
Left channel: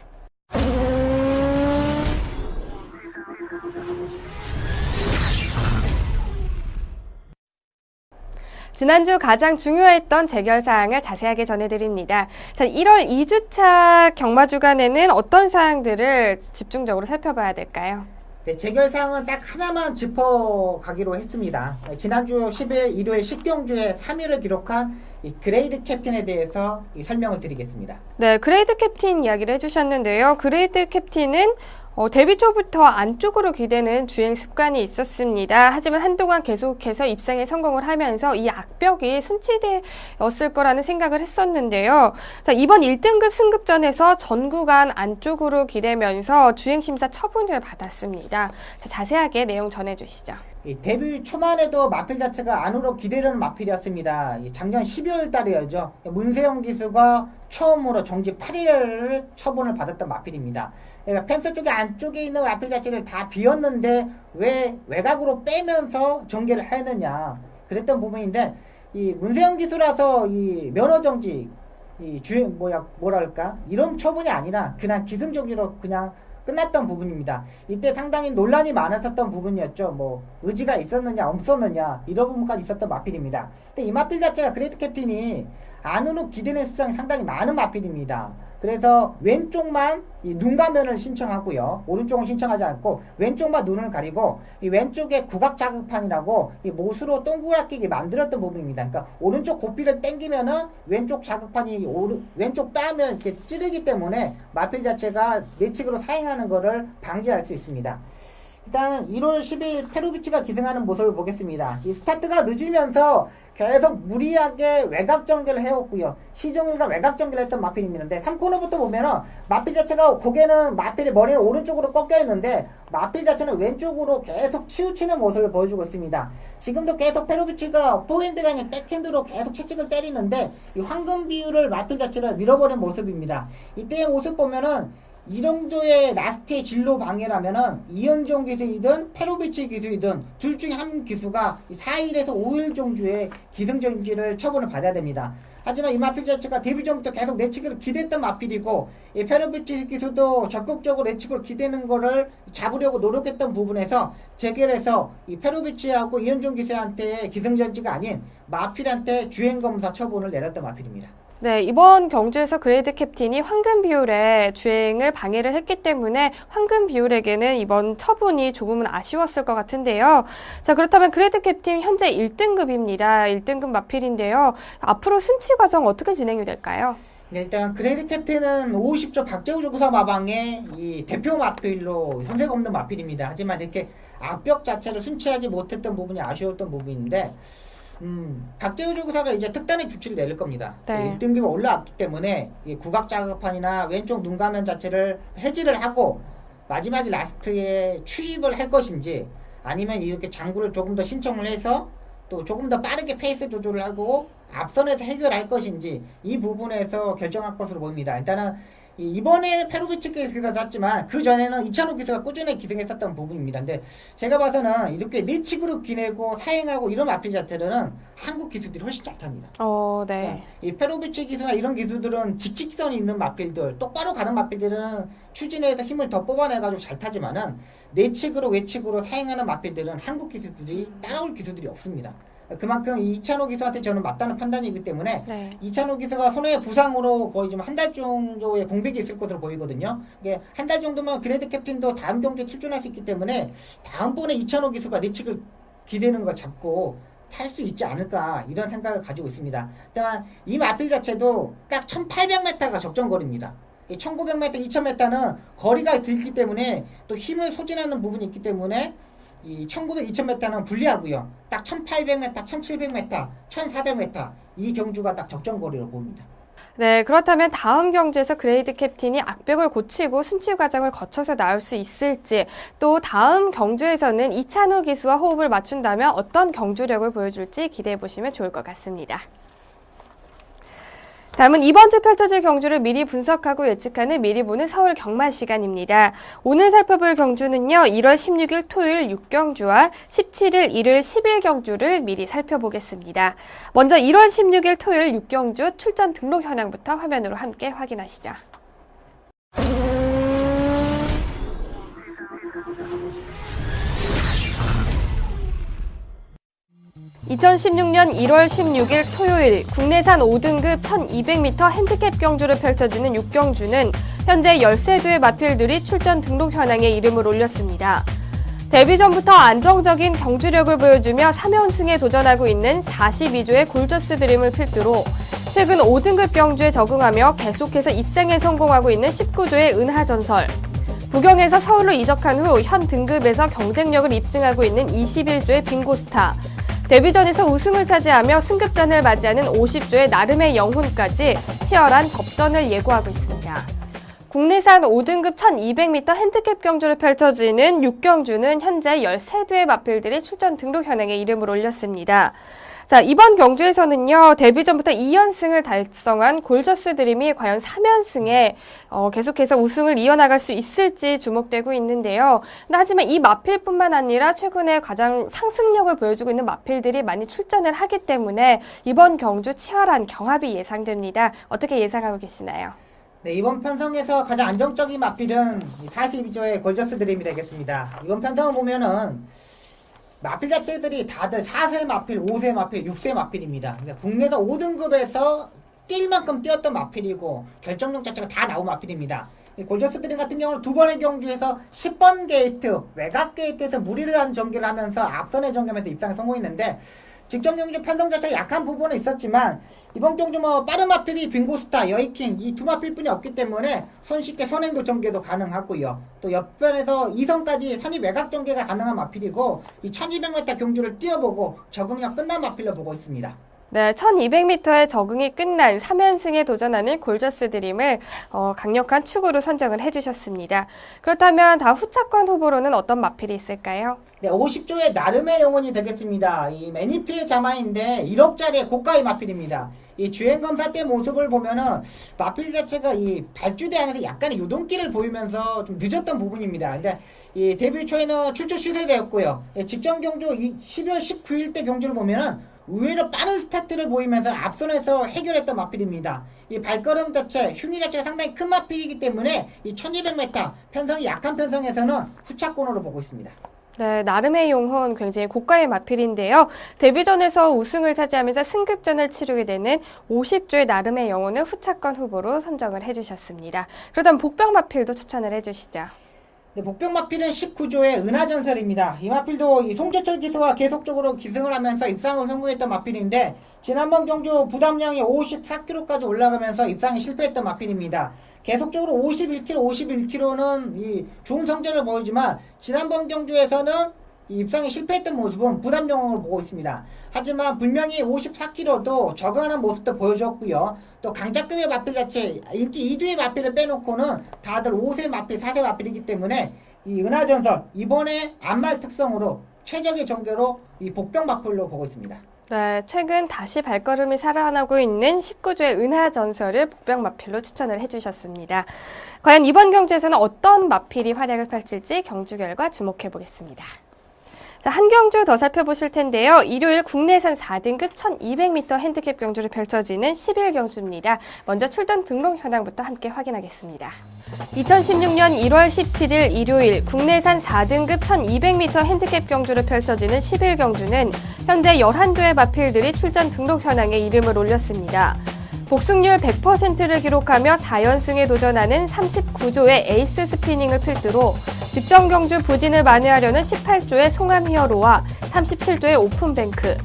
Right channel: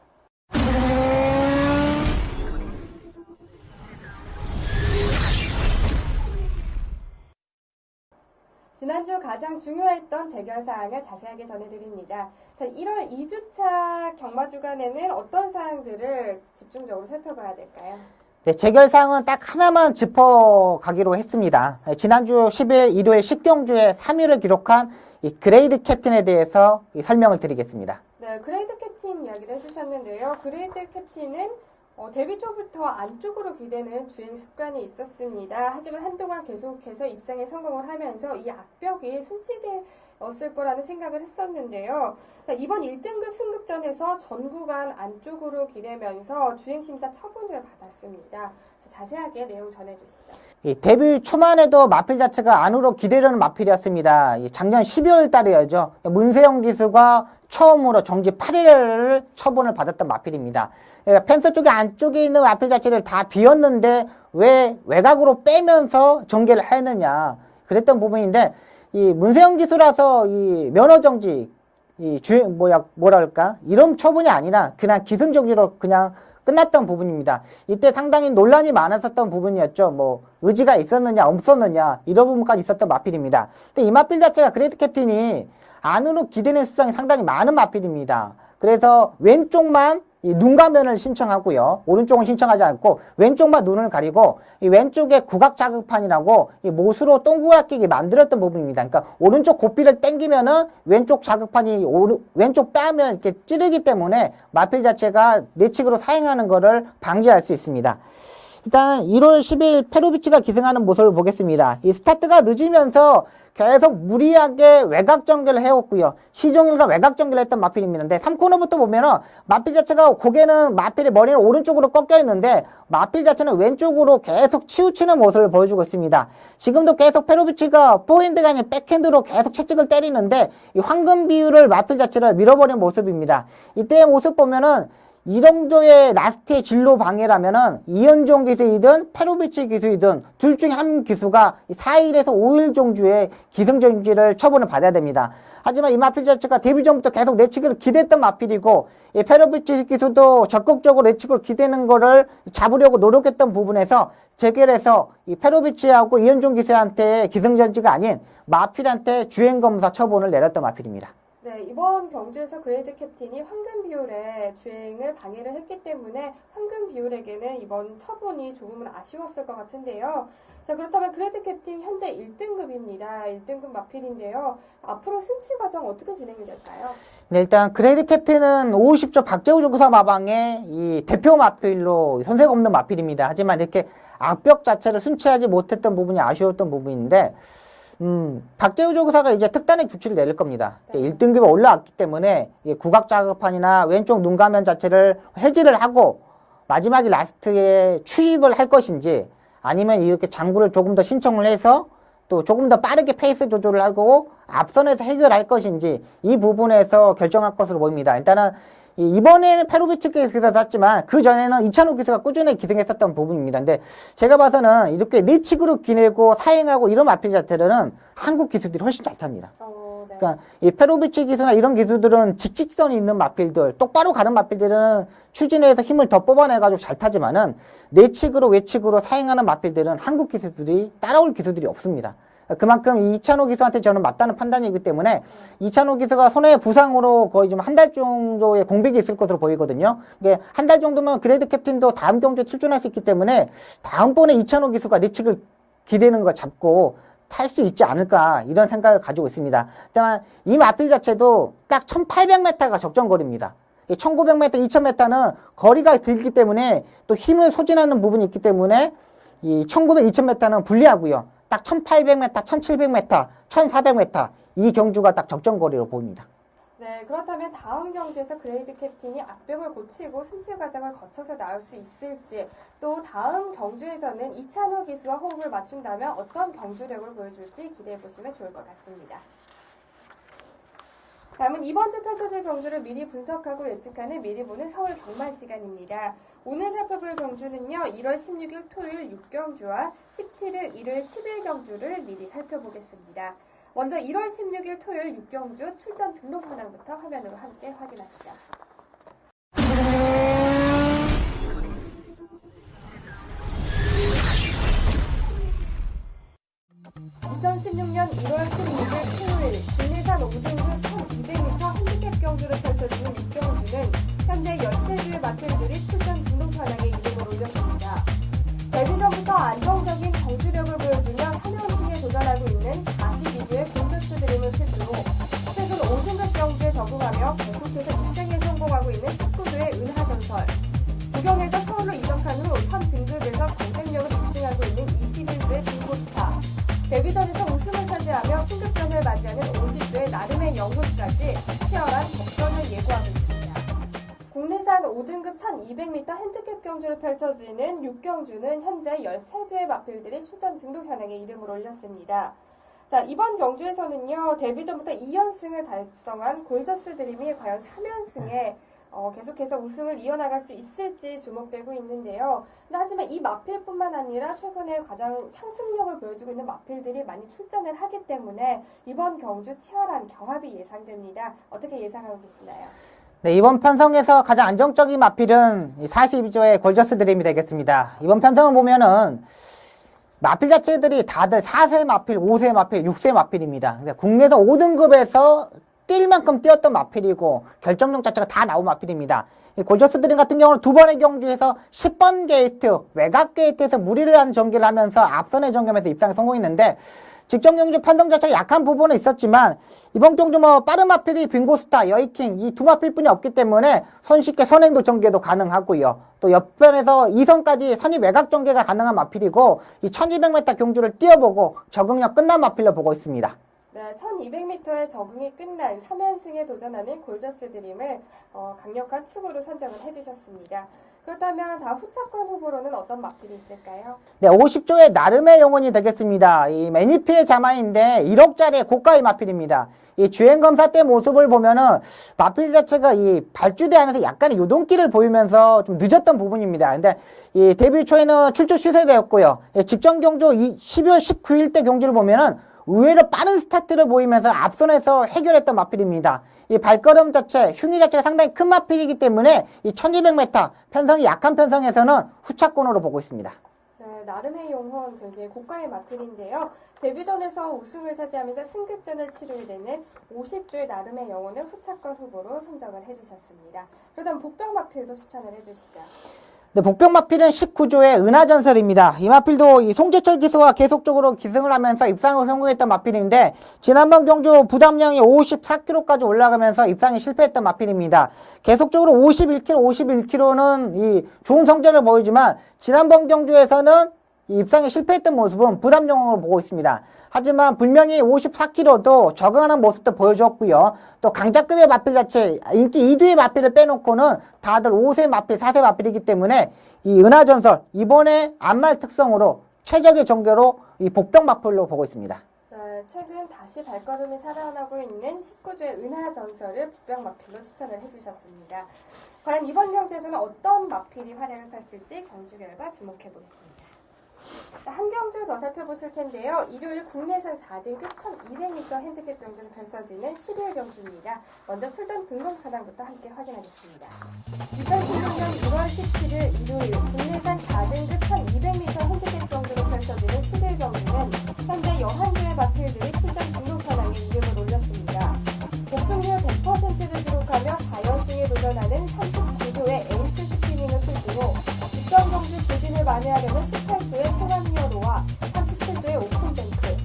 지난주 가장 중요했던 재결 사항을 자세하게 전해드립니다. 자, 1월 2주차 경마 주간에는 어떤 사항들을 집중적으로 살펴봐야 될까요? 네, 재결 사항은 딱 하나만 짚어가기로 했습니다. 네, 지난주 10일 일요일 10경주에 3위를 기록한 이 그레이드 캡틴에 대해서 설명을 드리겠습니다. 네, 그레이드 캡틴 이야기를 해주셨는데요. 그레이드 captain은 데뷔 초부터 안쪽으로 기대는 주행 습관이 있었습니다. 하지만 한동안 계속해서 입상에 성공을 하면서 이 악벽이 순치되었을 거라는 생각을 했었는데요. 자, 이번 1등급 승급전에서 전 구간 안쪽으로 기대면서 주행심사 처분을 받았습니다. 자, 자세하게 내용 전해주시죠. 이 데뷔 초만 해도 마필 자체가 안으로 기대려는 마필이었습니다. 작년 12월 달이었죠. 문세영 기수가 처음으로 정지 8일을 처분을 받았던 마필입니다. 펜스 쪽에 안쪽에 있는 마필 자체를 다 비웠는데 왜 외곽으로 빼면서 정계를 했느냐 그랬던 부분인데 이 문세영 기수라서 이 면허 정지 이 주행 뭐랄까 이런 처분이 아니라 그냥 기승전결로 그냥 끝났던 부분입니다. 이때 상당히 논란이 많았었던 부분이었죠. 뭐 의지가 있었느냐 없었느냐 이런 부분까지 있었던 마필입니다. 근데 이 마필 자체가 그레이트 캡틴이 안으로 기대는 수량이 상당히 많은 마필입니다. 그래서 왼쪽만 이 눈가면을 신청하고요. 오른쪽은 신청하지 않고 왼쪽만 눈을 가리고 이 왼쪽에 구각 자극판이라고 이 못으로 동그랗게 만들었던 부분입니다. 그러니까 오른쪽 고삐를 당기면은 왼쪽 자극판이 왼쪽 빼면 이렇게 찌르기 때문에 마필 자체가 내측으로 사행하는 것을 방지할 수 있습니다. 일단 1월 10일 페로비치가 기승하는 모습을 보겠습니다. 이 스타트가 늦으면서 계속 무리하게 외곽 전개를 해왔고요. 시종일관 외곽 전개를 했던 마필입니다. 근데 3코너부터 보면은 마필 자체가 고개는 마필의 머리는 오른쪽으로 꺾여 있는데 마필 자체는 왼쪽으로 계속 치우치는 모습을 보여주고 있습니다. 지금도 계속 페로비치가 포핸드가 아닌 백핸드로 계속 채찍을 때리는데 이 황금 비율을 마필 자체를 밀어버린 모습입니다. 이때의 모습 보면은 이 정도의 라스트의 진로 방해라면은 이현종 기수이든 페로비치 기수이든 둘 중에 한 기수가 4일에서 5일 정도의 기승전결을 처분을 받아야 됩니다. 하지만 이 마필 자체가 데뷔 전부터 계속 내측을 기대했던 마필이고 이 페로비치 기수도 적극적으로 내측을 기대는 거를 잡으려고 노력했던 부분에서 재결해서 이 페로비치하고 이현종 기수한테 기승전지가 아닌 마필한테 주행검사 처분을 내렸던 마필입니다. 네, 이번 경주에서 그레이드 캡틴이 황금 비율의 주행을 방해를 했기 때문에 황금 비율에게는 이번 처분이 조금은 아쉬웠을 것 같은데요. 자, 그렇다면 그레이드 캡틴 현재 1등급입니다. 1등급 마필인데요. 앞으로 순치 과정 어떻게 진행이 될까요? 네, 일단 그레이드 캡틴은 50조 박재우 조구사 마방의 이 대표 마필로 손색 없는 마필입니다. 하지만 이렇게 악벽 자체를 순치하지 못했던 부분이 아쉬웠던 부분인데 박재우 조구사가 이제 특단의 조치를 내릴 겁니다. 네. 1등급에 올라왔기 때문에 구각 자극판이나 왼쪽 눈가면 자체를 해지를 하고 마지막에 라스트에 추입을 할 것인지 아니면 이렇게 장구를 조금 더 신청을 해서 또 조금 더 빠르게 페이스 조절을 하고 앞선에서 해결할 것인지 이 부분에서 결정할 것으로 보입니다. 일단은 이번에는 페로비치 기수가 땄지만 그 전에는 이찬호 기수가 꾸준히 기승했었던 부분입니다. 근데 제가 봐서는 이렇게 내측으로 기내고 사행하고 이런 마필 자체들은 한국 기수들이 훨씬 잘 탑니다. 네. 그러니까 이 페로비치 기수나 이런 기수들은 직직선이 있는 마필들, 똑바로 가는 마필들은 추진해서 힘을 더 뽑아내가지고 잘 타지만은 내측으로 외측으로 사행하는 마필들은 한국 기수들이 따라올 기수들이 없습니다. 그만큼 이찬호 기수한테 저는 맞다는 판단이기 때문에 네. 이찬호 기수가 손해 부상으로 거의 좀 한 달 정도의 공백이 있을 것으로 보이거든요. 한 달 정도면 그레이드 캡틴도 다음 경주에 출전할 수 있기 때문에 다음번에 이찬호 기수가 내측을 기대는 걸 잡고 탈 수 있지 않을까 이런 생각을 가지고 있습니다. 다만 이 마필 자체도 딱 1800m가 적정거리입니다. 1900m, 2000m는 거리가 길기 때문에 또 힘을 소진하는 부분이 있기 때문에 이 1900, 2000m는 불리하고요. 딱 1800m, 1700m, 1400m 이 경주가 딱 적정거리로 보입니다. 네, 그렇다면 다음 경주에서 그레이드 캡틴이 악벽을 고치고 순치 과정을 거쳐서 나올 수 있을지, 또 다음 경주에서는 이찬호 기수와 호흡을 맞춘다면 어떤 경주력을 보여줄지 기대해 보시면 좋을 것 같습니다. 다음은 이번 주 펼쳐질 경주를 미리 분석하고 예측하는 미리 보는 서울 경마 시간입니다. 오늘 살펴볼 경주는요, 1월 16일 토요일 6경주와 17일 일요일 10일 미리 살펴보겠습니다. 먼저 1월 16일 토요일 6경주 출전 등록 현황부터 화면으로 함께 확인하시죠. 2016년 1월 16일 토요일 국내산 5등급 1200m 핸디캡 경주를 펼쳐지는 6경주는 현재 13두의 마필들이 출전 등록 현황에 이름을 올렸습니다. 데뷔 전부터 안정적인 경주력을 보여주며 3연승에 도전하고 있는 42조의 골저스 드림을 필두로 최근 5등급 경주에 적응하며 계속해서 입상에 성공하고 있는 19조의 은하전설, 부경에서 서울로 이적한 후 현 등급에서 경쟁력을 입증하고 있는 21조의 빙고스타, 데뷔전에서 우승을 차지하며 승급전을 맞이하는 50조의 나름의 영혼까지 치열한 접전을 예고하고 있습니다. 국내산 5등급 1200m 핸디캡 경주를 펼쳐지는 6경주는 현재 13두의 마필들이 출전 등록 현황에 이름을 올렸습니다. 자, 이번 경주에서는요, 데뷔전부터 2연승을 달성한 골저스 드림이 과연 3연승에 계속해서 우승을 이어나갈 수 있을지 주목되고 있는데요. 하지만 이 마필뿐만 아니라 최근에 가장 상승력을 보여주고 있는 마필들이 많이 출전을 하기 때문에 이번 경주 치열한 경합이 예상됩니다. 어떻게 예상하고 계시나요? 네, 이번 편성에서 가장 안정적인 마필은 42조의 골저스 드림이 되겠습니다. 이번 편성을 보면은 마필 자체들이 다들 4세 마필, 5세 마필, 6세 마필입니다. 국내에서 5등급에서 뛸 만큼 뛰었던 마필이고 결정력 자체가 다 나온 마필입니다. 골저스 드림 같은 경우는 두 번의 경주에서 10번 게이트, 외곽 게이트에서 무리를 한 전개를 하면서 앞선의 전개하면서 입상에 성공했는데 직전 경주 편성 자체가 약한 부분은 있었지만 이번 경주 빠른 마필이 빙고스타, 여이킹 이 두 마필뿐이 없기 때문에 손쉽게 선행도 전개도 가능하고요. 또 옆변에서 2선까지 선입 외곽 전개가 가능한 마필이고 이 1200m 경주를 뛰어보고 적응력 끝난 마필로 보고 있습니다. 네, 1200m의 적응이 끝난 3연승에 도전하는 골저스 드림을 강력한 축으로 선정을 해주셨습니다. 그렇다면 다음 후차권 후보로는 어떤 마필이 있을까요? 네, 50조의 나름의 영혼이 되겠습니다. 이 매니피의 자마인데 1억짜리의 고가의 마필입니다. 이 주행검사 때 모습을 보면은 마필 자체가 이 발주대 안에서 약간의 요동기를 보이면서 좀 늦었던 부분입니다. 근데 이 데뷔 초에는 출조 시세되었고요. 직전 경주 12월 19일 때 경주를 보면은 의외로 빠른 스타트를 보이면서 앞선에서 해결했던 마필입니다. 이 발걸음 자체, 흉위 자체가 상당히 큰 마필이기 때문에 이 1200m 편성이 약한 편성에서는 후차권으로 보고 있습니다. 네, 나름의 용혼 굉장히 고가의 마필인데요. 데뷔전에서 우승을 차지하면서 승급전을 치르게 되는 50조의 나름의 영혼을 후차권 후보로 선정을 해주셨습니다. 그렇다면 복병 마필도 추천을 해주시죠. 네, 복병 마필은 19조의 은하전설입니다. 이 마필도 이 송재철 기수와 계속적으로 기승을 하면서 입상을 성공했던 마필인데 지난번 경주 부담량이 54kg까지 올라가면서 입상에 실패했던 마필입니다. 계속적으로 51kg, 51kg는 이 좋은 성적을 보이지만 지난번 경주에서는 이 입상에 실패했던 모습은 부담용으로 보고 있습니다. 하지만 분명히 54kg도 적응하는 모습도 보여줬고요. 또 강자급의 마필 자체, 인기 2두의 마필을 빼놓고는 다들 5세 마필, 4세 마필이기 때문에 이 은하전설, 이번에 안말 특성으로 최적의 전개로 이 복병 마필로 보고 있습니다. 네, 최근 다시 발걸음이 살아나고 있는 19조의 은하전설을 복병 마필로 추천을 해주셨습니다. 과연 이번 경주에서는 어떤 마필이 활약을 펼칠지 경주 결과 주목해 보겠습니다. 자, 한 경주 더 살펴보실 텐데요. 일요일 국내산 4등급 1200m 핸디캡 경주를 펼쳐지는 11경주입니다. 먼저 출전 등록 현황부터 함께 확인하겠습니다. 2016년 1월 17일 일요일 국내산 4등급 1200m 핸디캡 경주를 펼쳐지는 11경주는 현재 11조의 마필들이 출전 등록 현황에 이름을 올렸습니다. 복승률 100%를 기록하며 4연승에 도전하는 39조의 에이스 스피닝을 필두로 직전 경주 부진을 만회하려는 18조의 송암 히어로와 37조의 오픈뱅크,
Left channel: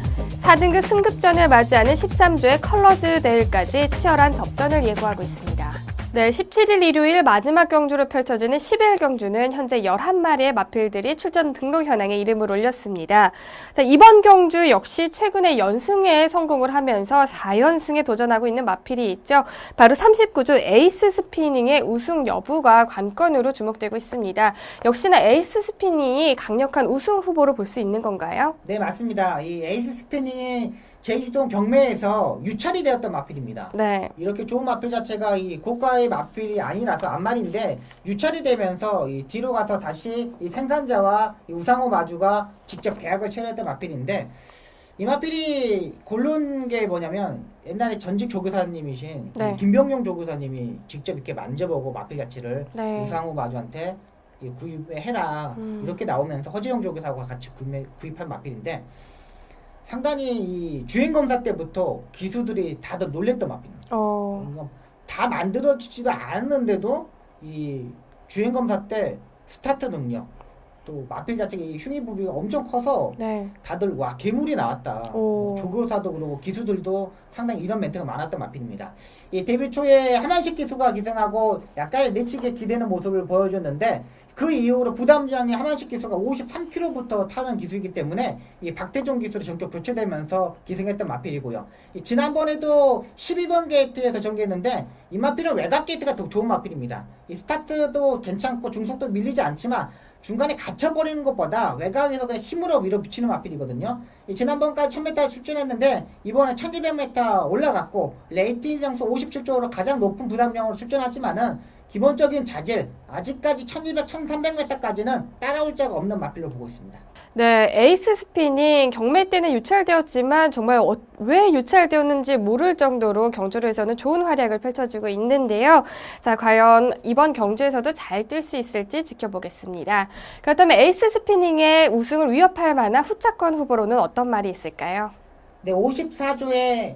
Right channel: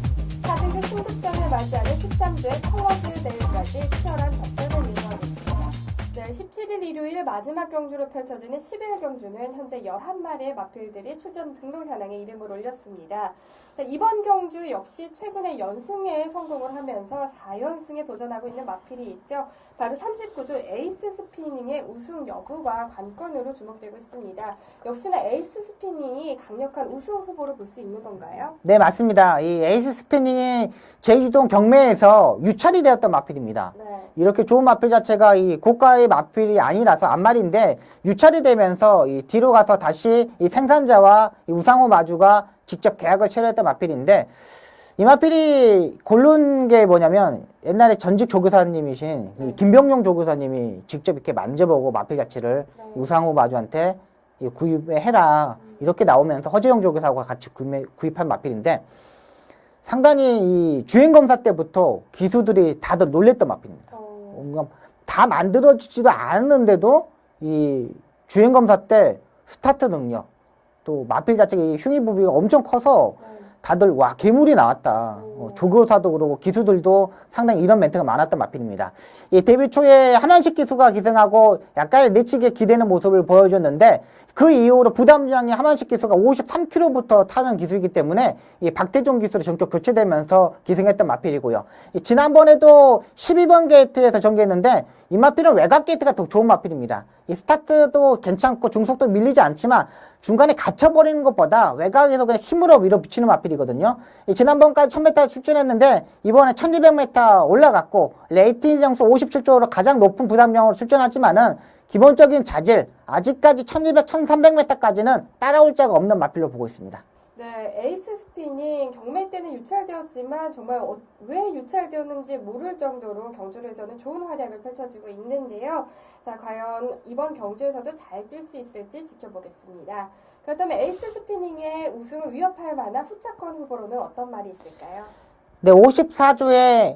4등급 승급전을 맞이하는 13조의 컬러즈 데일까지 치열한 접전을 예고하고 있습니다. 네, 17일 일요일 마지막 경주로 펼쳐지는 10일 경주는 현재 11마리의 마필들이 출전 등록 현황에 이름을 올렸습니다. 자, 이번 경주 역시 최근에 연승에 성공을 하면서 4연승에 도전하고 있는 마필이 있죠. 바로 39조 에이스 스피닝의 우승 여부가 관건으로 주목되고 있습니다. 역시나 에이스 스피닝이 강력한 우승 후보로 볼 수 있는 건가요? 네, 맞습니다. 이 에이스 스피닝이 제주도 경매에서 유찰이 되었던 마필입니다. 네. 이렇게 좋은 마필 자체가 이 고가의 마필이 아니라서 앞말인데 유찰이 되면서 이 뒤로 가서 다시 이 생산자와 이 우상호 마주가 직접 계약을 체결했던 마필인데 이 마필이 고른 게 뭐냐면 옛날에 전직 조교사님이신 네. 이 김병용 조교사님이 직접 이렇게 만져보고 마필 가치를 네. 우상호 마주한테 구입해라 이렇게 나오면서 허재영 조교사와 같이 구입한 마필인데 상당히 이 주행검사 때부터 기수들이 다들 놀랬던 마필입니다. 다 만들어지지도 않았는데도 이 주행검사 때 스타트 능력 또 마필 자체가 이 흉의부비가 엄청 커서 네. 다들 와 괴물이 나왔다. 오. 조교사도 그러고 기수들도 상당히 이런 멘트가 많았던 마필입니다. 이 데뷔 초에 하만식 기수가 기승하고 약간의 내치게 기대는 모습을 보여줬는데 그 이후로 부담장이 하만식 기수가 53km부터 타는 기수이기 때문에 이 박대종 기수로 전격 교체되면서 기승했던 마필이고요. 지난번에도 12번 게이트에서 전개했는데 이 마필은 외곽 게이트가 더 좋은 마필입니다. 이 스타트도 괜찮고 중속도 밀리지 않지만 중간에 갇혀버리는 것보다 외곽에서 그냥 힘으로 밀어붙이는 마필이거든요. 지난번까지 1000m 출전했는데 이번에 1200m 올라갔고 레이팅 점수 57조로 가장 높은 부담량으로 출전하지만은 기본적인 자질 아직까지 1200, 1300m까지는 따라올 자가 없는 마필로 보고 있습니다. 네, 에이스 스피닝 경매 때는 유찰되었지만 정말 왜 유찰되었는지 모를 정도로 경주로에서는 좋은 활약을 펼쳐주고 있는데요. 자, 과연 이번 경주에서도 잘 뛸 수 있을지 지켜보겠습니다. 그렇다면 에이스 스피닝의 우승을 위협할 만한 후차권 후보로는 어떤 말이 있을까요? 네, 54조의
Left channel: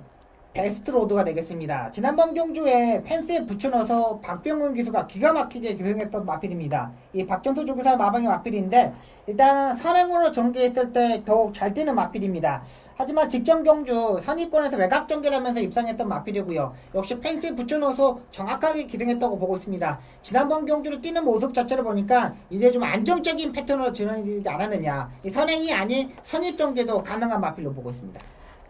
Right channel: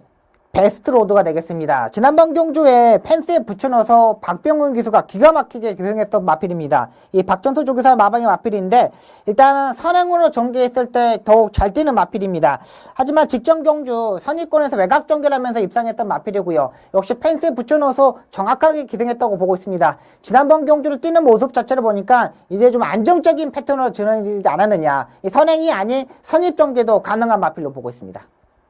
베스트 로드가 되겠습니다. 지난번 경주에 펜스에 붙여넣어서 박병훈 기수가 기가 막히게 기승했던 마필입니다. 이 박전소 조교사 마방의 마필인데 일단은 선행으로 전개했을 때 더욱 잘 뛰는 마필입니다. 하지만 직전 경주 선입권에서 외곽 전개를 하면서 입상했던 마필이고요. 역시 펜스에 붙여넣어서 정확하게 기승했다고 보고 있습니다. 지난번 경주를 뛰는 모습 자체를 보니까 이제 좀 안정적인 패턴으로 전환되지 않았느냐. 이 선행이 아닌 선입 전개도 가능한 마필로 보고 있습니다.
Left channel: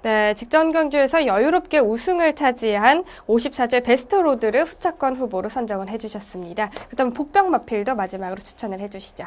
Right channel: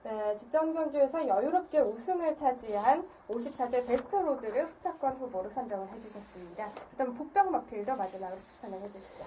네, 직전 경주에서 여유롭게 우승을 차지한 54조의 베스트 로드를 후차권 후보로 선정을 해주셨습니다. 그다음 복병 마필도 마지막으로 추천을 해주시죠.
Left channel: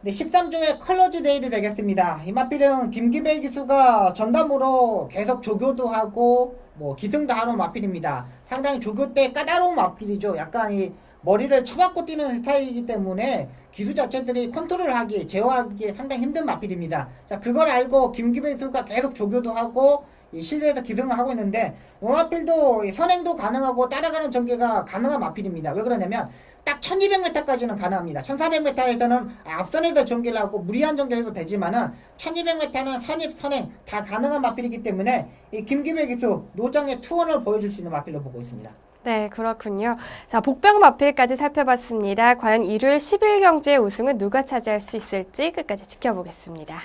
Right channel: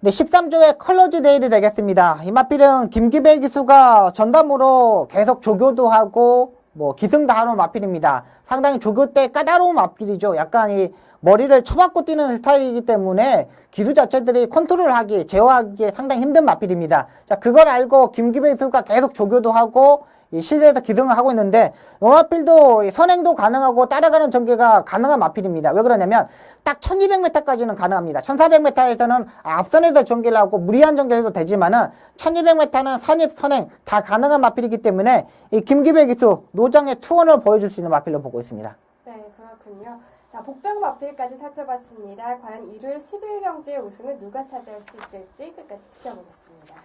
네, 13조의 컬러즈 데일이 되겠습니다. 이 마필은 김기벨 기수가 전담으로 계속 조교도 하고 기승도 하는 마필입니다. 상당히 조교 때 까다로운 마필이죠. 약간 이 머리를 쳐박고 뛰는 스타일이기 때문에 기수 자체들이 컨트롤하기, 제어하기에 상당히 힘든 마필입니다. 자, 그걸 알고 김기배 선수가 계속 조교도 하고 이 시대에서 기승을 하고 있는데 이 마필도 선행도 가능하고 따라가는 전개가 가능한 마필입니다. 왜 그러냐면 딱 1200m까지는 가능합니다. 1400m에서는 앞선에서 전개를 하고 무리한 전개를 해도 되지만은 1200m는 선입, 선행 다 가능한 마필이기 때문에 이 김기배 기수 노장의 투혼을 보여줄 수 있는 마필로 보고 있습니다. 네, 그렇군요. 자, 복병 마필까지 살펴봤습니다. 과연 일요일 10일 경주의 우승은 누가 차지할 수 있을지 끝까지 지켜보겠습니다.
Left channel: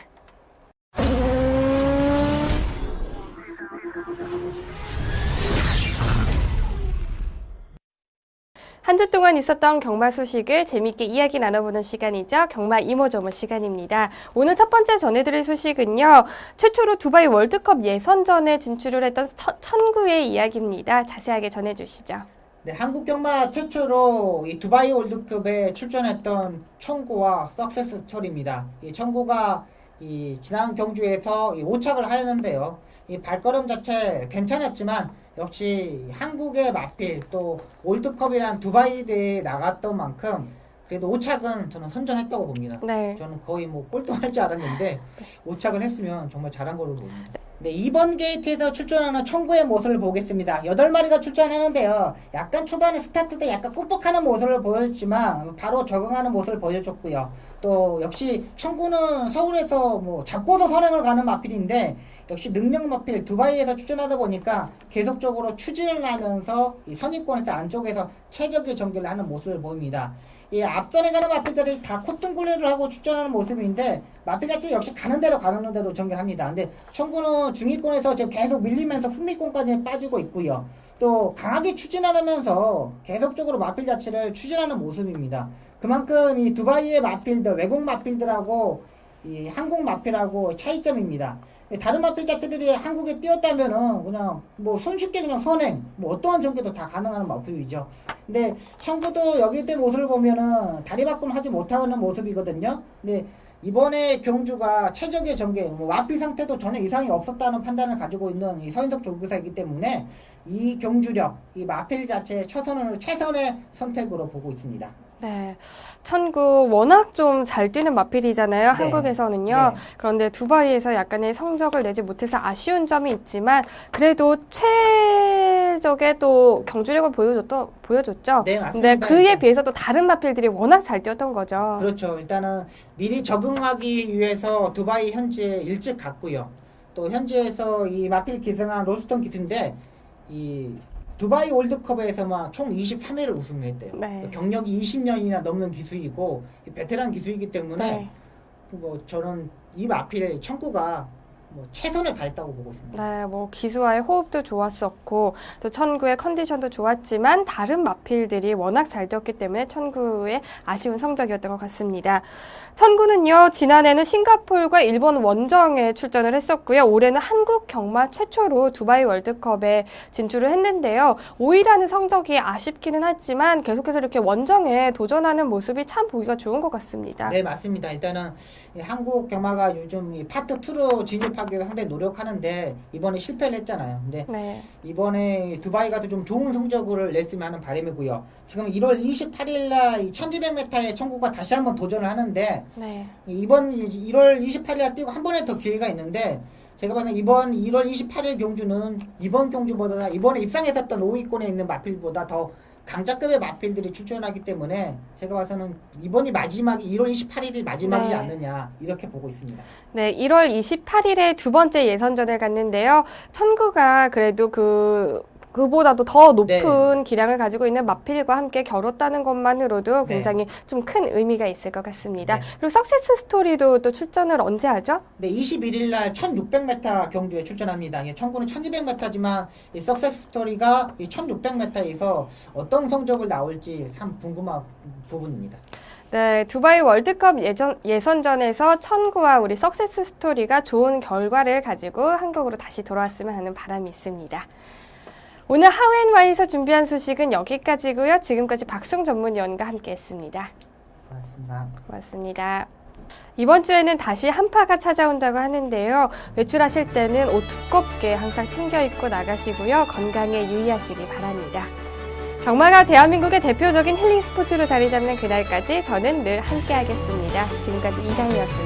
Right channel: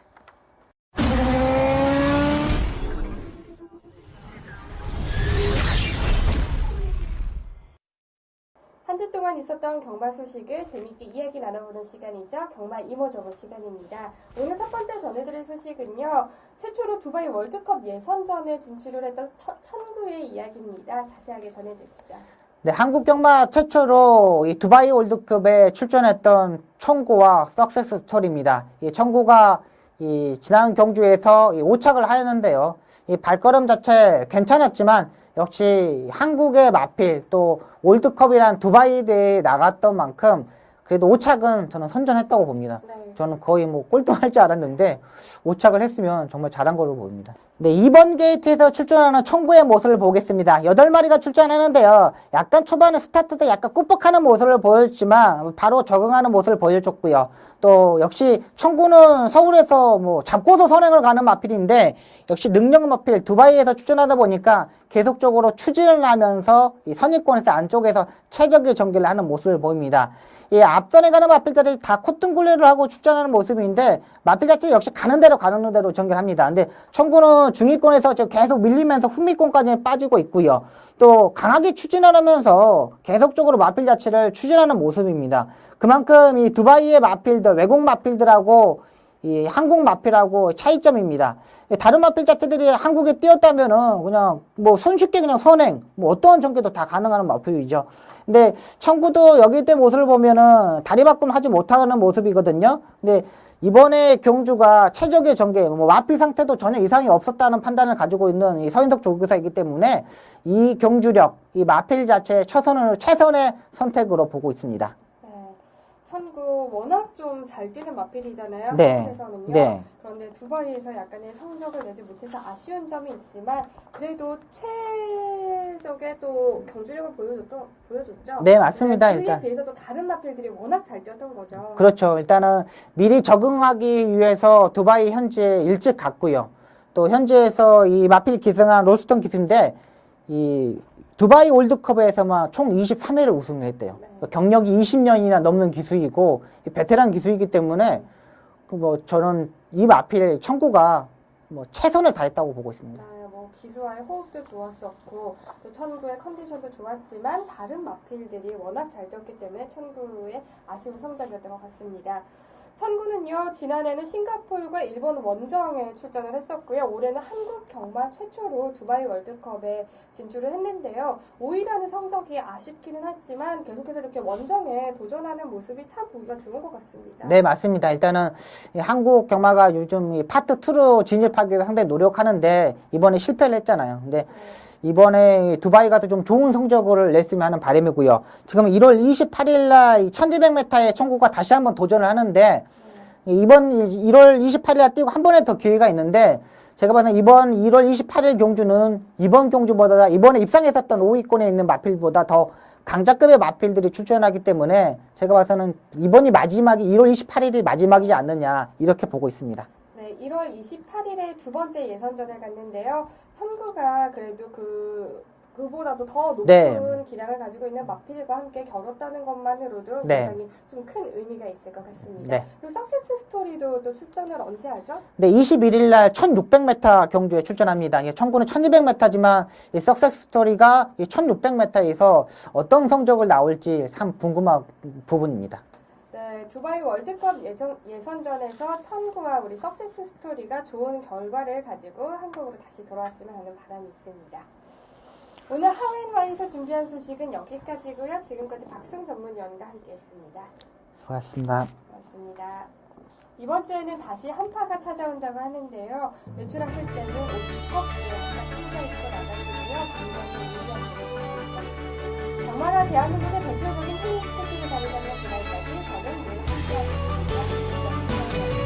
한 주 동안 있었던 경마 소식을 재미있게 이야기 나눠보는 시간이죠. 경마 이모저모 시간입니다. 오늘 첫 번째 전해드릴 소식은요. 최초로 두바이 월드컵 예선전에 진출을 했던 천구의 이야기입니다. 자세하게 전해주시죠. 네, 한국 경마 최초로 이 두바이 월드컵에 출전했던 청구와 석세스 스토리입니다. 이 청구가 이 지난 경주에서 5착을 하였는데요. 이 발걸음 자체 괜찮았지만 역시 한국의 마필 또 월드컵이란 두바이 대회에 나갔던 만큼 그래도 5착은 저는 선전했다고 봅니다. 네. 저는 거의 꼴등할 줄 알았는데 5착을 했으면 정말 잘한 걸로 보입니다. 네, 이번 게이트에서 출전하는 청구의 모습을 보겠습니다. 8마리가 출전하는데요. 약간 초반에 스타트 때 약간 꾹꾹하는 모습을 보여줬지만 바로 적응하는 모습을 보여줬고요. 또 역시 청구는 서울에서 잡고서 선행을 가는 마필인데 역시 능력 마필 두바이에서 출전하다 보니까 계속적으로 추진을 하면서 이 선입권에서 안쪽에서 최적의 전개를 하는 모습을 보입니다. 이 앞선에 가는 마필들이 다 콧등굴레를 하고 출전하는 모습인데 마필 자체 역시 가는 대로 전개합니다. 근데 청구는 청구는 중위권에서 지금 계속 밀리면서 후미권까지 빠지고 있고요. 또 강하게 추진을 하면서 계속적으로 마필 자체를 추진하는 모습입니다. 그만큼 이 두바이의 마필들, 외국 마필들하고 이 한국 마필하고 차이점입니다. 다른 마필 자체들이 한국에 뛰었다면은 그냥 뭐 손쉽게 그냥 선행, 뭐 어떠한 전개도 다 가능한 마필이죠. 근데 청구도 여기 때 모습을 보면은 다리 바꿈하지 못하는 모습이거든요. 근데 이번에 경주가 최적의 전개, 뭐 마필 상태도 전혀 이상이 없었다는 판단을 가지고 있는 이 서인석 조교사이기 때문에 이 경주력, 이 마필 자체의 최선의 선택으로 보고 있습니다. 네. 천구 워낙 좀 잘 뛰는 마필이잖아요. 네. 한국에서는요. 네. 그런데 두바이에서 약간의 성적을 내지 못해서 아쉬운 점이 있지만 그래도 최적의 또 경주력을 보여줬죠. 네, 맞습니다. 근데 그에 일단. 비해서 또 다른 마필들이 워낙 잘 뛰었던 거죠. 그렇죠. 일단은 미리 적응하기 위해서 두바이 현지에 일찍 갔고요. 또 현지에서 이 마필 기승한 로스턴 기수인데 이 두바이 월드컵에서만 총 23회를 우승했대요. 네. 경력이 20년이나 넘는 기수이고 베테랑 기수이기 때문에 네. 뭐 저는 이 마필 청구가 뭐 최선을 다했다고 보고 있습니다. 네, 뭐 기수와의 호흡도 좋았었고 또 천구의 컨디션도 좋았지만 다른 마필들이 워낙 잘 뛰었기 때문에 천구의 아쉬운 성적이었던 것 같습니다. 천구는요, 지난해는 싱가포르과 일본 원정에 출전을 했었고요. 올해는 한국 경마 최초로 두바이 월드컵에 진출을 했는데요. 5위라는 성적이 아쉽기는 하지만 계속해서 이렇게 원정에 도전하는 모습이 참 보기가 좋은 것 같습니다. 네, 맞습니다. 일단은 이 한국 경마가 요즘 이 파트 2로 진입하기 위해 상당히 노력하는데 이번에 실패를 했잖아요. 근데 네. 이번에 두바이가 좀 좋은 성적을 냈으면 하는 바람이고요. 지금 1월 28일 날 1200m의 청구가 다시 한번 도전을 하는데 네. 이번 1월 28일 날 뛰고 한 번에 더 기회가 있는데 제가 봐서는 이번 1월 28일 경주는 이번 경주보다 이번에 입상했었던 5위권에 있는 마필보다 더 강자급의 마필들이 출전하기 때문에 제가 봐서는 이번이 마지막이 1월 28일이 마지막이지 네. 않느냐 이렇게 보고 있습니다. 네, 1월 28일에 두 번째 예선전을 갔는데요. 천구가 그래도 그보다도 더 높은 기량을 가지고 있는 마필과 함께 겨뤘다는 것만으로도 네. 굉장히 좀 큰 의미가 있을 것 같습니다. 네. 그리고 석세스 스토리도 또 출전을 언제 하죠? 네, 21일 날 1600m 경주에 출전합니다. 청구는 1200m지만 이 석세스 스토리가 이 1600m에서 어떤 성적을 나올지 참 궁금한 부분입니다. 네, 두바이 월드컵 예선전에서 천구와 우리 석세스 스토리가 좋은 결과를 가지고 한국으로 다시 돌아왔으면 하는 바람이 있습니다. 오늘 하우앤와이에서 준비한 소식은 여기까지고요. 지금까지 박승 전문위원과 함께했습니다. 고맙습니다. 고맙습니다. 이번 주에는 다시 한파가 찾아온다고 하는데요. 외출하실 때는 옷 두껍게 항상 챙겨 입고 나가시고요. 건강에 유의하시기 바랍니다. 경마가 대한민국의 대표적인 힐링 스포츠로 자리 잡는 그날까지 저는 늘 함께하겠습니다. 지금까지 이상이었습니다.